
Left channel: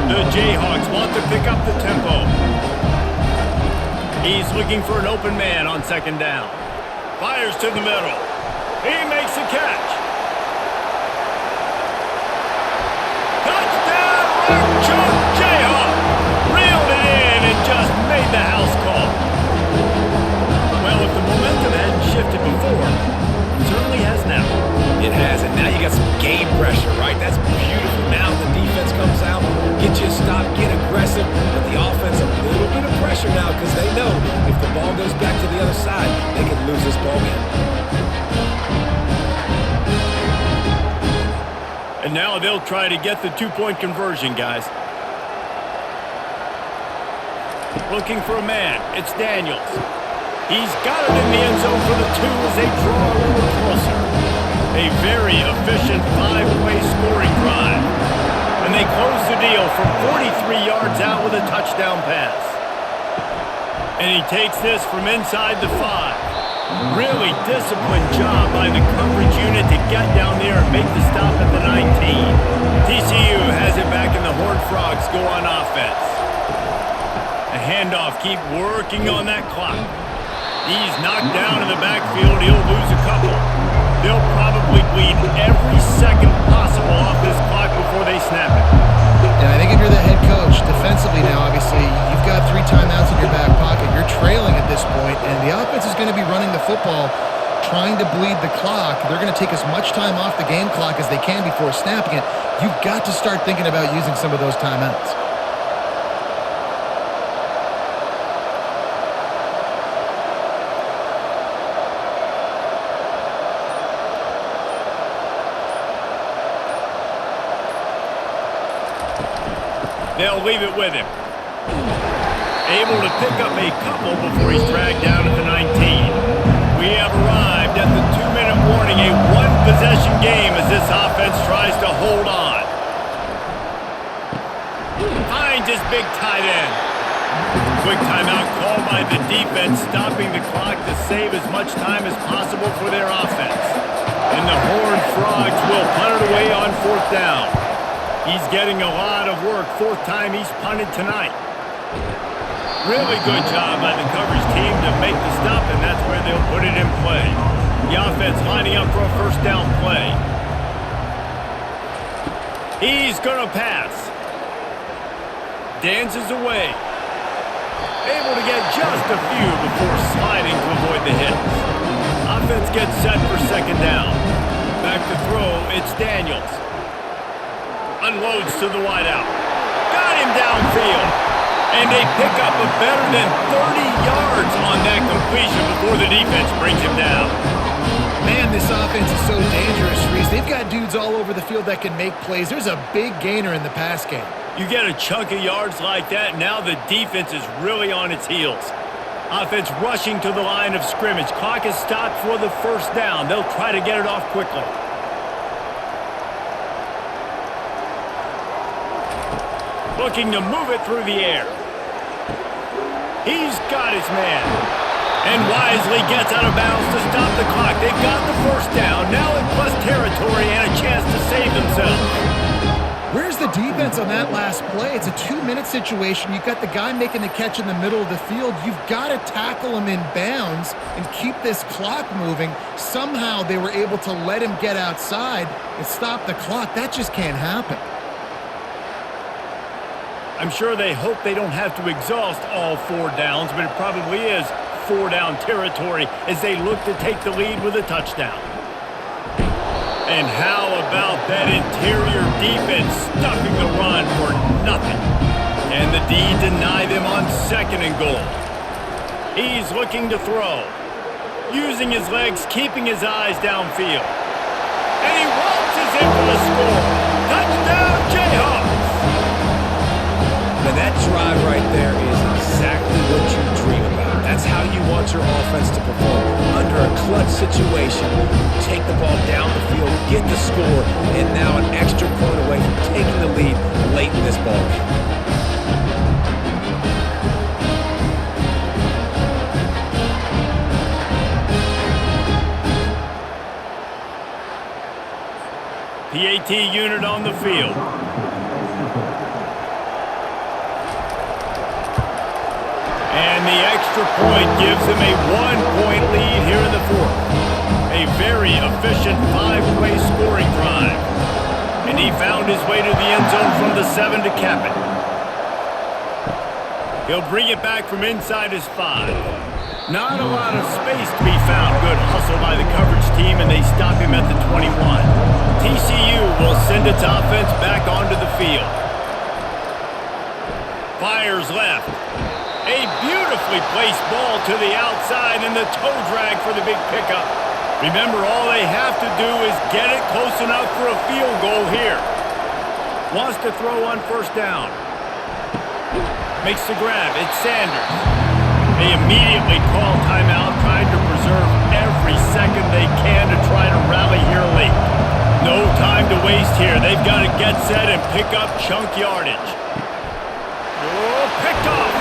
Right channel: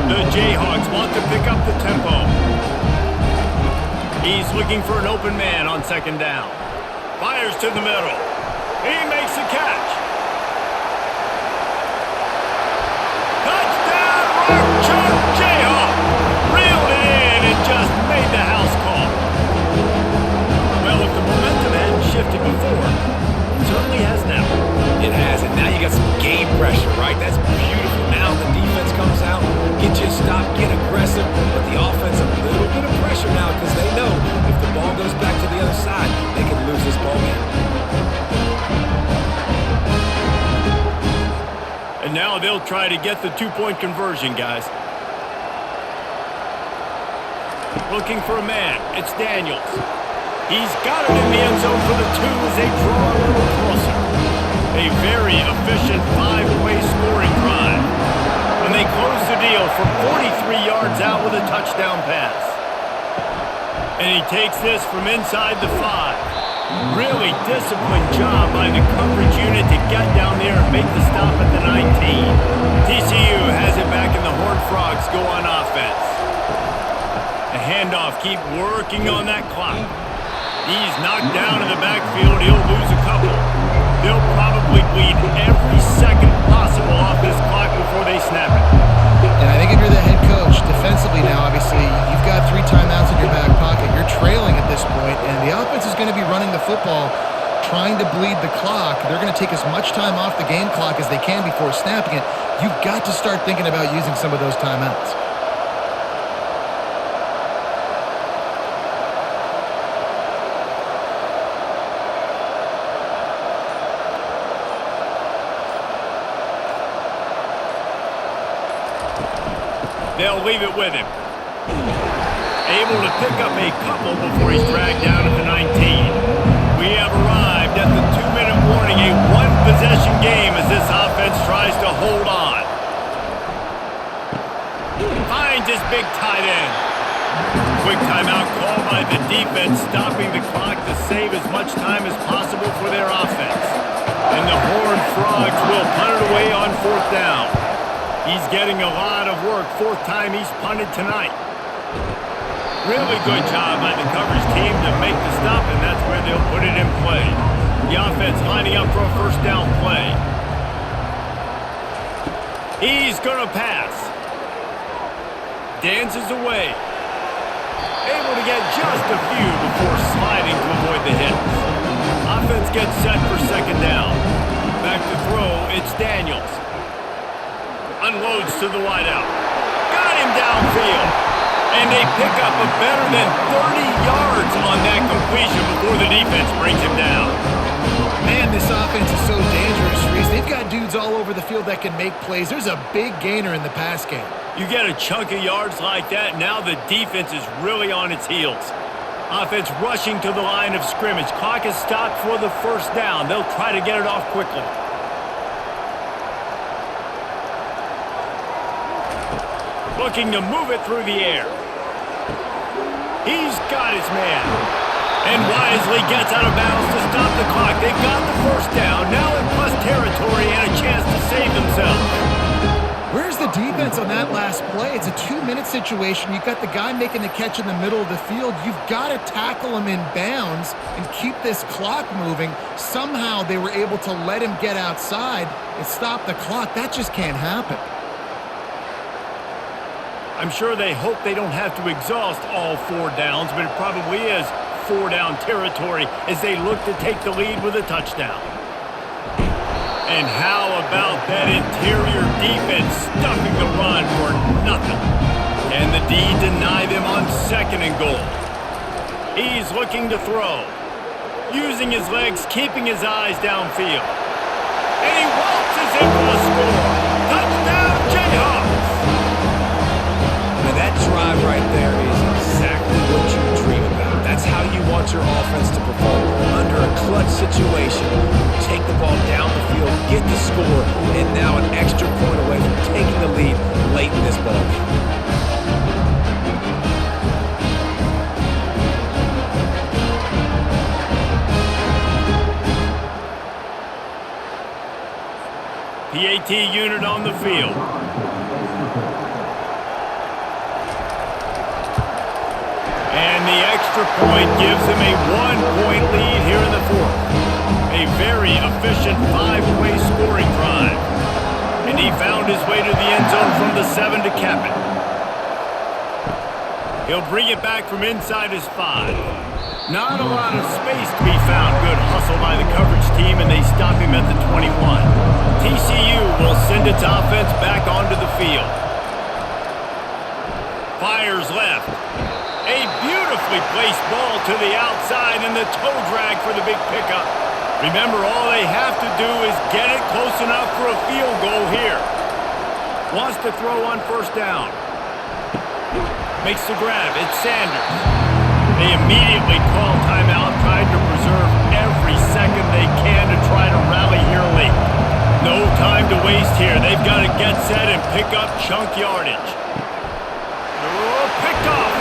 The Jayhawks want to pick up the tempo. He's looking for an open man on second down. Fires to the middle. He makes a catch. Touchdown, Rock Chalk Jayhawk. Reeled it in and just made the house call. Well, if the momentum hadn't shifted before, it certainly has now. It has, and now you got some game pressure, right? That's beautiful. Now the defense comes out, get you a stop, get aggressive, but the offense a little bit of pressure now because they know if the ball goes back to the other side, they could lose this ball game. And now they'll try to get the two-point conversion, guys. Looking for a man. It's Daniels. He's got it in the end zone for the two as they draw a little closer. A very efficient five-play scoring drive. And they close the deal from 43 yards out with a touchdown pass. And he takes this from inside the 5. Really disciplined job by the coverage unit to get down there and make the stop at the 19. TCU has it back and the Horned Frogs go on offense. The handoff, keep working on that clock. He's knocked down in the backfield. He'll lose a couple. They'll probably bleed every second possible off this clock before they snap it. And I think if you're the head coach, defensively now, obviously, you've got 3 timeouts in your back pocket. You're trailing at this point, and the offense is going to be running the football, trying to bleed the clock. They're going to take as much time off the game clock as they can before snapping it. You've got to start thinking about using some of those timeouts. They'll leave it with him. Able to pick up a couple before he's dragged down at the 19. We have arrived at the 2-minute warning, a one-possession game as this offense tries to hold on. Finds his big tight end. Quick timeout called by the defense, stopping the clock to save as much time as possible for their offense. And the Horned Frogs will punt it away on 4th down. He's getting a lot of work. 4th time he's punted tonight. Really good job by the coverage team to make the stop, and that's where they'll put it in play. The offense lining up for a first down play. He's going to pass. Dances away. Able to get just a few before sliding to avoid the hits. Offense gets set for second down. Back to throw, it's Daniels. Unloads to the wideout. Got him downfield. And they pick up a better than 30 yards on that completion before the defense brings him down. Man, this offense is so dangerous, Reese. They've got dudes all over the field that can make plays. There's a big gainer in the pass game. You get a chunk of yards like that, now the defense is really on its heels. Offense rushing to the line of scrimmage. Clock is stopped for the first down. They'll try to get it off quickly. Looking to move it through the air. He's got his man. And wisely gets out of bounds to stop the clock. They got the first down, now in plus territory and a chance to save themselves. Where's the defense on that last play? It's a 2-minute situation. You've got the guy making the catch in the middle of the field. You've got to tackle him in bounds and keep this clock moving. Somehow they were able to let him get outside and stop the clock. That just can't happen. I'm sure they hope they don't have to exhaust all 4 downs, but it probably is 4-down territory as they look to take the lead with a touchdown. And how about that interior defense stuffing the run for nothing? Can the D deny them on 2nd and goal? He's looking to throw. Using his legs, keeping his eyes downfield. And he waltzes in for the score. Touchdown, Jayhawks! Man, that drive right there is exactly what you dream about. That's how you you want your offense to perform. Under a clutch situation, take the ball down the field, get the score, and now an extra point away from taking the lead late in this ball game. PAT unit on the field. And the extra point gives him a 1-point lead here in the fourth. A very efficient 5-play scoring drive. And he found his way to the end zone from the 7 to cap it. He'll bring it back from inside his 5. Not a lot of space to be found. Good hustle by the coverage team, and they stop him at the 21. TCU will send its offense back onto the field. Fires left. A beautifully placed ball to the outside, and the toe drag for the big pickup. Remember, all they have to do is get it close enough for a field goal here. Wants to throw on first down. Makes the grab. It's Sanders. They immediately call timeout, trying to preserve every second they can to try to rally here late. No time to waste here. They've got to get set and pick up chunk yardage. Oh, picked off.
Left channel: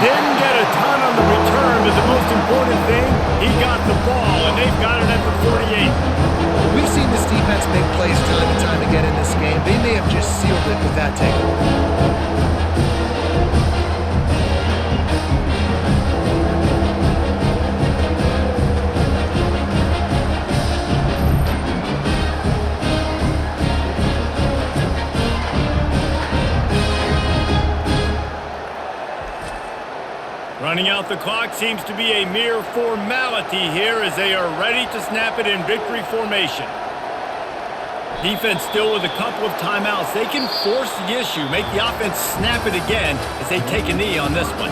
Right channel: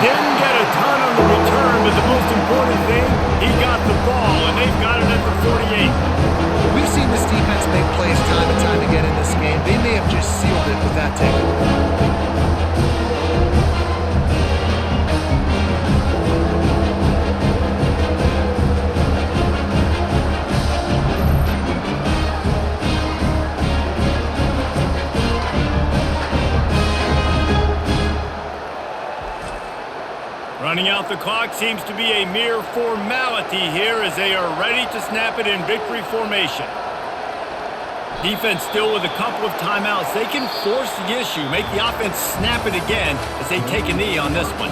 Didn't get a ton on the return, but the most important thing, he got the ball, and they've got it at the 48. We've seen this defense make plays time and time again in this game. They may have just sealed it with that takeaway. Running out the clock seems to be a mere formality here as they are ready to snap it in victory formation. Defense still with a couple of timeouts. They can force the issue, make the offense snap it again as they take a knee on this one.